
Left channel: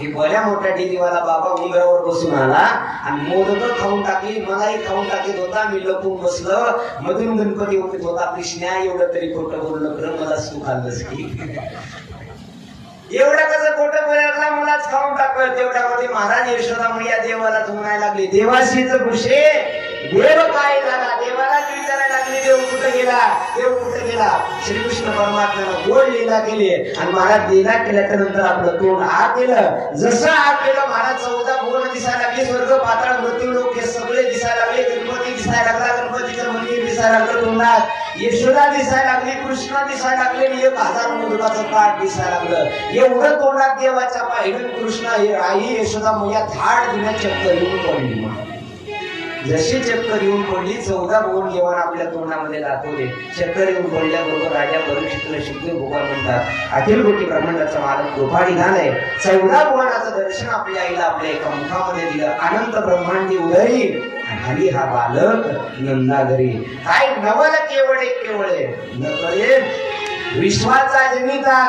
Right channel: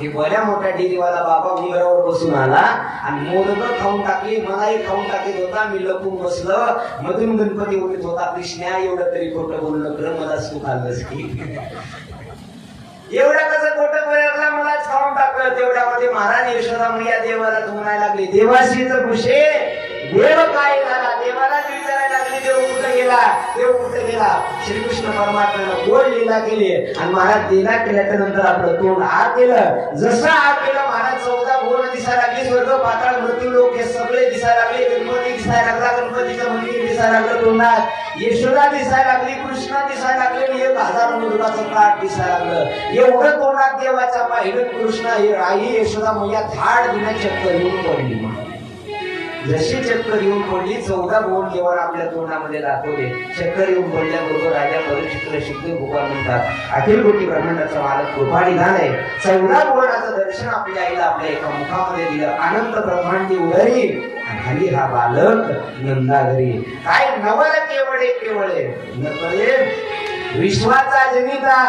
हे भल्या मोठ्या डेअरीवाला बाबा उंबरावर बसून आला आणि मोदक खाऊन टाकली, मलाही खाऊन टाकीत होता, मी लपून बसलं. मधून गणपती उठत होता, कृष्णा एवढं तरी खोटं बोलू नको, मला सुख आलंच की. एवढं कसं खोटं बोलायला, मला खाऊन टाकलं. तेवढ्यामध्ये महाराज यशोदा मैया देवाला म्हणायला लागली, देवाशीच खुशे, देव काय झाला? देवाला विचारायला लागली, देव कुठे गेला? देव कुठे गेला? श्रीकृष्ण परमात्म्यानं गोड लीला केली आणि महाराज लीला केल्याच्या नंतर आपलं तोंड आ केलं. जसं आ केलं महाराज चौदा गोड दिसायला लागली, स्वर्ग पाताळ मृत्यू लोक हे सगळे दिसायला लागले. गणपती दिसायला लागला, गणपतीचं मंदिर दिसायला लागलं तोंडात, यशोदा दिसायला लागली, कृष्ण दिसायला लागले, 1000 मोदकाचं ताट दिसायला लागलं. एवढं तोंडात देवाच्या पाहिलं कृष्ण आई यशोदा मैया थाट दिल्या चक्कर येऊन पडली. जशी चक्कर येऊन पडली, 14 गोड जेवण आपल्या तोंडामध्ये दाखवले. चक्कर येऊन पडल्याबरोबर राजा परीक्षितला शुद्ध भगवान म्हणतात, अखिल कोटी ब्रह्मांडाचा मालक कृपाळी झालाय. 14 गोडाचं दर्शन आपल्या आईला आपल्या एका मुखामध्ये दिलं. अनंत ब्रह्मांडी उदरी आणि हा बालक नंदा घरी. काय नवल केवळे केवळे नकळे विश्वाचा जनिता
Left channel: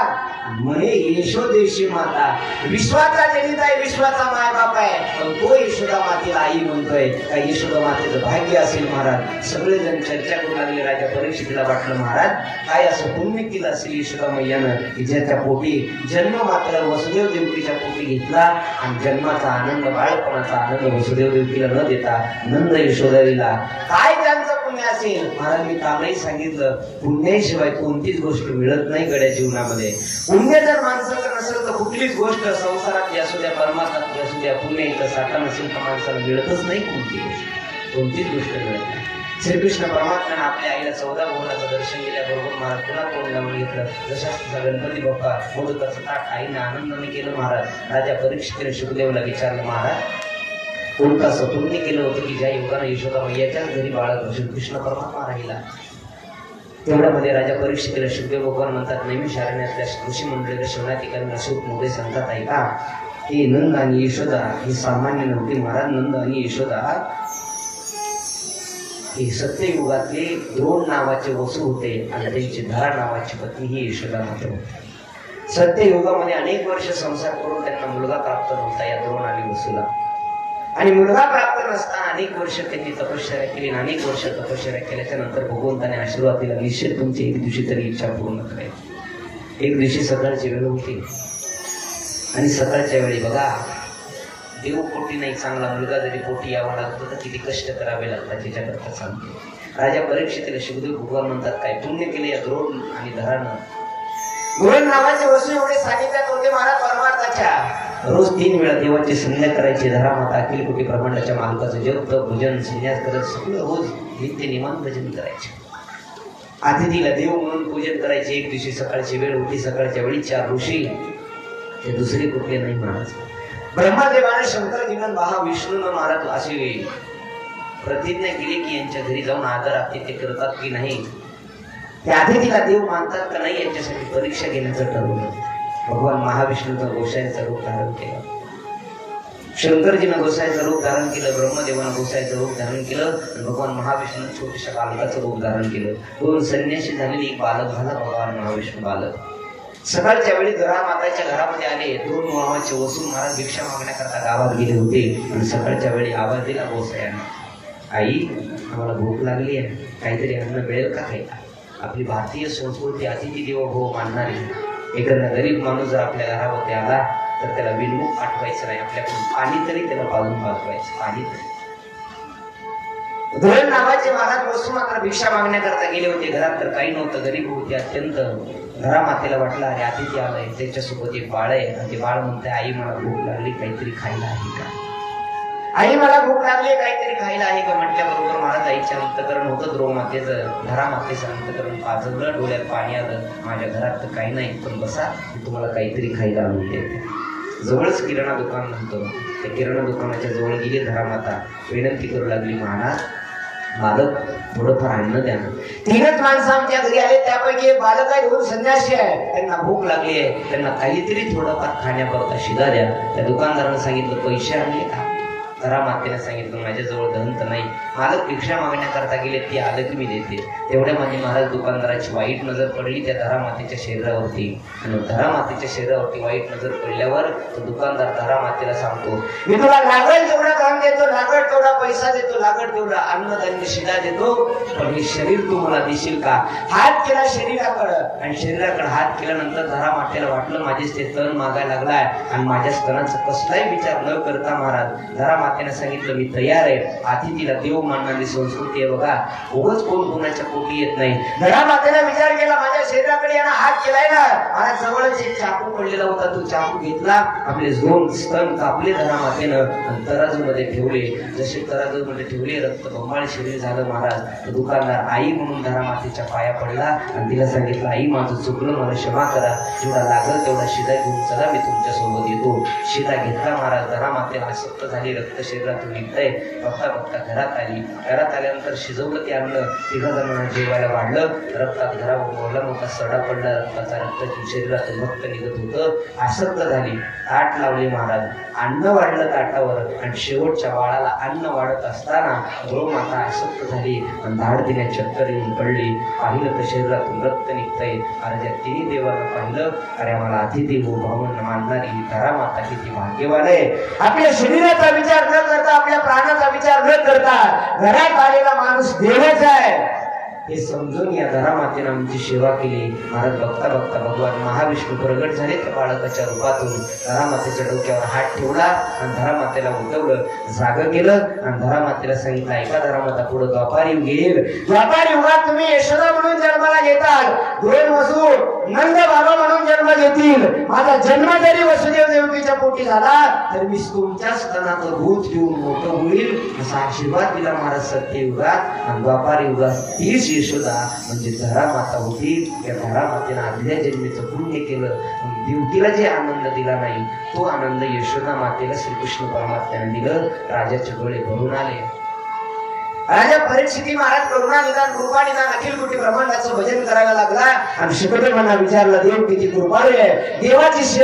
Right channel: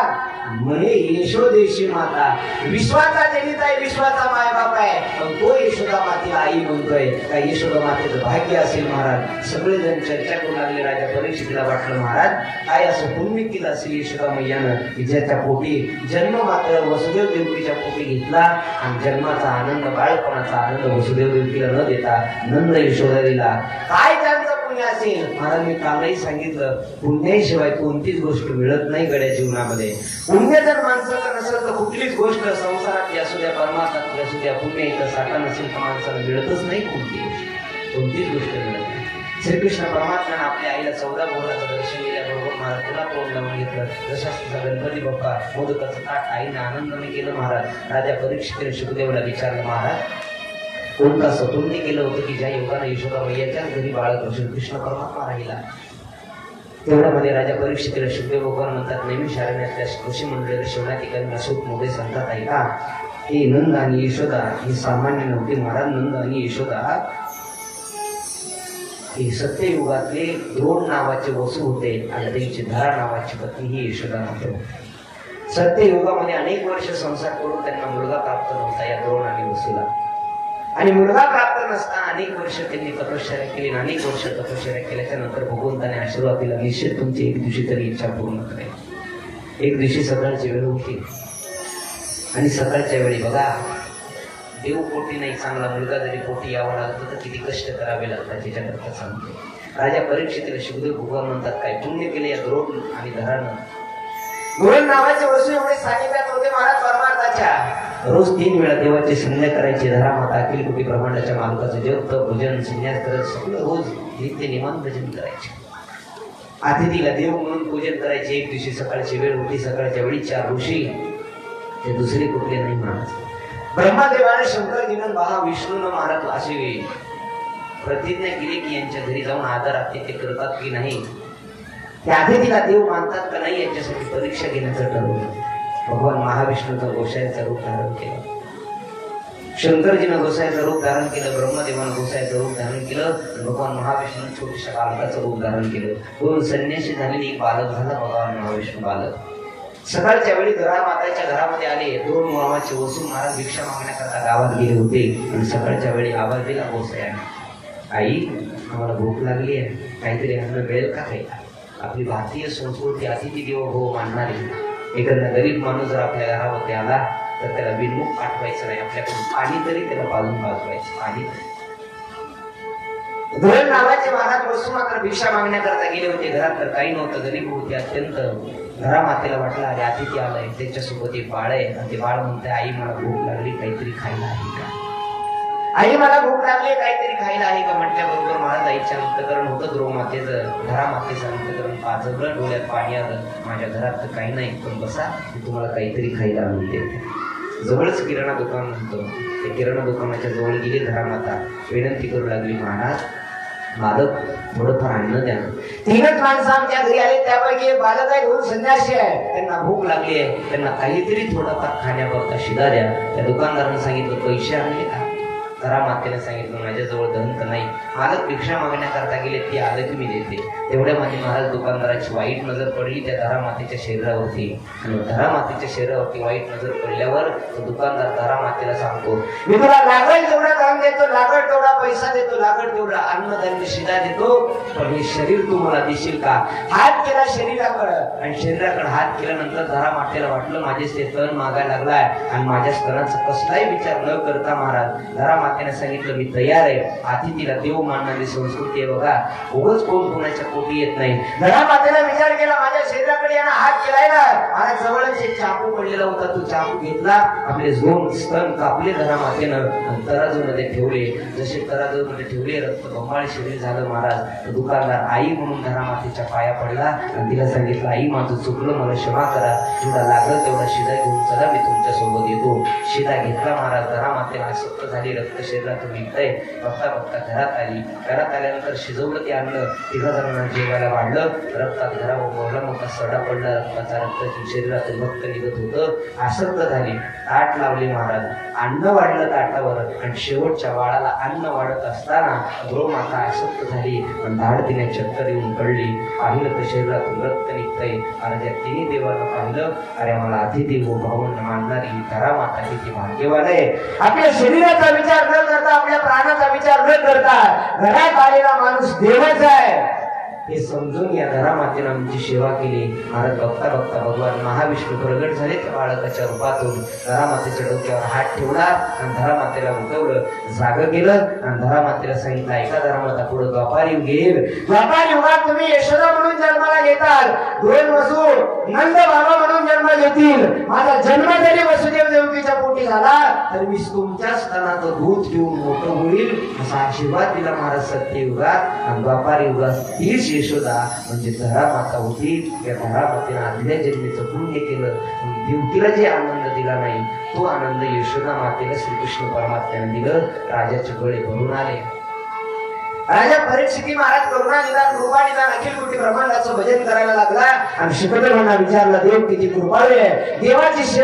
म्हणे यशोदेशी माता. विश्वाचा जनिता आहे, विश्वाचा मायबाप आहे, पण तो यशोदा मातेला आई म्हणतोय. काय यशोदा मातेचं भाग्य असेल महाराज. सगळेजण चर्चा करू लागले. राजा परीक्षितला वाटलं, महाराज काय असं पुण्य केलं असेल यशोदा मैयानं की ज्याच्या पोटी जन्म मात्र वसुदेव देवकीच्या पोटी घेतला आणि जन्माचा आनंद, बाळपणाचा आनंद वसुदेव देवकीला न देता नंद यशोदा दिला. काय त्यांचं पुण्य असेल? महाराज मी कालही सांगितलं, पुण्याशिवाय कोणतीच गोष्ट मिळत नाही गड्या जीवनामध्ये. पुण्य जर माणसाचं नसेल तर कुठलीच गोष्ट संसारात असू द्या, परमार्थात असू द्या, पुण्य इथं साठा नसेल तर माणसाला मिळतच नाही. कोणतीच गोष्ट मिळत नाही. श्रीकृष्ण परमात्म्याने आपल्या आईला 14 मुलाचं दर्शन दिल्याबरोबर महाराज पुन्हा तोंड लावून घेतलं. जसा गणपती बाप्पा मोदकाचं ताट आईने आनंदाने केलं. महाराज राजा परीक्षितीने शुकदेवला विचारलं, महाराज कोणतं असं कोणते केलं होतं की ज्या युगाने यशोदाबाईच्याच घरी बाळक श्रीकृष्ण परमात्मा राहिला. तेवढ्यामध्ये राजा परीक्षितीला शुकदेव भगवान म्हणतात, नैमिषारण्यातल्या ऋषी मंडळीला शिवनातिकांना सुख मध्ये सांगतात, ऐका हे नंद आणि यशोदा ही सामान्य नव्हती महाराज. नंद आणि यशोदा हे सत्ययुगातले द्रोण नावाचे वसू होते आणि त्यांची धरा नावाची पत्नी ही यशोदा मात्र होती. सत्ययुगामध्ये अनेक वर्ष संसार करून त्यांना मुलगा प्राप्त नव्हता या द्रोण आणि वसूला. आणि मुलगा प्राप्त नसताना अनेक वर्ष त्यांनी तपश्चर्या केली. अनेक वर्ष तपश्चर्या केल्याच्या नंतर भगवंताने आशीर्वाद दिला, निश्चित तुमची एक दिवशी तरी इच्छा पूर्ण करेल. एक दिवशी सकाळची वेळ होती आणि सकाळच्या वेळी बघा देव पोटी नाही, चांगला मुलगा जरी पोटी यावं लागतं तर किती कष्ट करावे लागतात त्याच्याकरता सांगतो. राजा परीक्षितीला शुकदेव भगवान म्हणतात, काय पुण्य केले या द्रोण आणि धरानं. द्रोण नावाचे वसू एवढे सांगितल्यात होते महाराज परमार्थाच्या. रोज 3 वेळा देवाची संध्या करायची. धरा माता अखिल कोटी ब्रह्मांडाच्या मालकाचं जप तप भजन संन्यास करत सगळं रोज नित्य निमान भजन करायचे. अतिथीला देव म्हणून पूजन करायचे. एक दिवशी सकाळची वेळ होती. सकाळच्या वेळी 4 ऋषी ते दुसरे कुठले नाही महाराज. ब्रह्मदेवाने शंकरजीनं महाविष्णूनं महाराज अशी प्रतिज्ञा केली की यांच्या घरी जाऊन आदर आतिथ्य करतात की नाही, त्या अतिथीला देव मानतात का नाही यांच्यासाठी परीक्षा घेण्याचं ठरवलं. भगवान महाविष्णूचं गोसाईचं रूप धारण केलं. शंकरजीनं गोसाईचं रूप धारण केलं. ब्रह्मदेवानं गोसाईचं रूप धारण केलं. भगवान महाविष्णू छोट्याशा बालकाचं रूप धारण केलं. 2 संन्यासी झालेली एक बालक झाला भगवान महाविष्णू बालक. सकाळच्या वेळी धरा माताच्या घरामध्ये आले. 2 मुलाचे वसूल महाराज भिक्षा मागण्याकरता गावात गेले होते आणि सकाळच्या वेळी आवाज दिला गोसायाने, आई आम्हाला भूक लागली आहे, काहीतरी अन्न मिळेल का काही. आपली भारतीय संस्कृती अतिथी देवो भव मानणारी. एखादा गरीब माणूस जर आपल्या घरामध्ये आला तर त्याला बिनमुख पाठवायचं नाही, आपल्याकडून पाणी तरी त्याला पाजून पाठवायचं. पाणी तरी. धरण नावाचे महाराज वसू मात्र भिक्षा मागण्याकरता गेले होते. घरात तर काही नव्हतं, गरीब होते अत्यंत. घरा मातेला वाटलं अरे अतिथी आलाय, त्याच्यासोबत एक बाळ आहे आणि ते बाळ म्हणते, आई मला भूक लागली, काहीतरी खायला आहे का. आई मला भूक लागली, काहीतरी खायला आहे का म्हटल्याबरोबर महाराज आईच्या अंतकरण होतं. द्रोण मातेचं धरा मातेचं अंतकरण पाजवलं. डोळ्यात पाणी आलं. माझ्या घरात तर काही नाही, पण बसा मी तुम्हाला काहीतरी खायला आणून देते. जवळच किराणा दुकान म्हणतो, त्या किराणा दुकानाच्या जवळ गेली धरा माता. विनंती करू लागली, महाराज बालक थोडंफार अन्न द्या. 3च माणसं आमच्या घरी आले, त्यापैकी बालक आहे, 2 संन्यासी आहे, त्यांना भूक लागली आहे, त्यांना काहीतरी थोडंफार खाण्याकरता शिदा द्या. त्या दुकानदारानं सांगितलं, पैसे आणले का. धरा मातेने सांगितलं, माझ्याजवळ धन तर नाही. मालक भिक्षा मागण्याकरता गेले, ती आलं की मी देते. तेवढ्यामध्ये महाराज दुकानदाराची वाईट नजर पडली त्या धरा मातेच्या शरीरावरती. आणि धरा मातेच्या शरीरावरती वाईट नजर पडल्यावर तो दुकानदार धरा मातेला सांगतो, मी तुला लागेल तेवढा काम देतो, लागेल तेवढा पैसा देतो, लागेल तेवढा अन्नधान्य शिदा देतो, पण हे शरीर तू मला देशील का. हात केला शरीराकडं आणि शरीराकडे हात केल्यानंतर धरा मातेला वाटलं माझे ते स्तन मागायला लागलाय आणि माझ्या स्तनाचा कसलाही विचार न करता महाराज धरा मातेने सांगितलं, मी तयार आहे. अतिथीला देव मानणारी संस्कृती आहे बघा. उगाच कोण कोणाच्या पोटी येत नाही. धरा मातेला विचार केला, माझ्या शरीराकडे यानं हात केलाय ना. मला जवळच एक चाकू पडलेला होता, तो चाकू घेतला, आपले 2 स्तन कापले धरा मातेनं आणि तराजू मध्ये ठेवले. जसे तराजू मध्ये ठेवले, रक्त बंबाळ शरीर झालं महाराज. दुकानदार आई म्हणून धरा मातेच्या पाया पडला आणि तिला सांगितलं, आई माझं चुकलं, मला क्षमा करा, जेवढा लागलं तेवढा शिदा घेऊन चला, मी तुमच्या सोबत येतो. शिदा घेतला महाराज. धरा माते आसक्त झाली, रक्त शरीरातून निघतंय. बघता बघता घरात आली. घरात आल्यानंतर शिजवलं ते आणलं. 3 जणांना जेवायला वाढलं. रक्तात घरा मोठा मोठा सडा पडला. रक्ताचा रक्त शरीरातून रक्त निघत होतं. आसक्त झाली. ताट लावले महाराज. अन्न वाढलं ताटावर आणि शेवटच्या वाळाला अन्न वाढत असताना गो माता आसक्त झाली आणि धाड तिने चक्कर येऊन पडली. पाहिलं तर शरीरातून रक्त निघतंय. अरे त्या 3 देवानं पाहिलं, अरे आम्हाला अतिथी हो भावना मानणारी धरा माता किती भाग्यवान आहे. आपल्या शरीराचा विचार न करता, आपल्या प्राणाचा विचार न करता घरात आलेला माणूस देवाचा आहे. हे समजून या धरामातेनं आमची सेवा केली. महाराज बघता बघता भगवान महाविष्णू प्रगट झाले त्या बाळकाच्या रूपातून. धरामातेच्या डोक्यावर हात ठेवला आणि धरामातेला उठवलं, जाग केलं आणि धरामातेला सांगितलं, ऐका धरामाता, पुढे द्वापार युग येईल. द्वापार युगात तुम्ही यशोदा म्हणून जन्माला घेताल, दोन वसू नंद बाबा म्हणून जन्म घेतील. माझा जन्म जरी वसुदेव देवकीच्या पोटी झाला तर मी तुमच्या स्तनात भूत घेऊन मोठं होईल, असा आशीर्वाद दिला महाराज सत्ययुगात. आणि द्वापार युगात तीच यशोदा म्हणजे धरामाता होती. या धरामातेनं आदल्या जन्मीचं पुण्य केलं. देवकीला जे आनंद दिला नाही तो आनंद यशोदा मातेला श्रीकृष्ण परमात्म्याने दिलं. राजाचे डोळे भरून आले. राजा परीक्षिती महाराज करुणा निदान कृपा निदान अखिल कोटी ब्रह्मांडाचं भजन करायला लागला आणि शुकदेवांना विचारलं, देव किती कृपाळू आहे, देवाची सेवा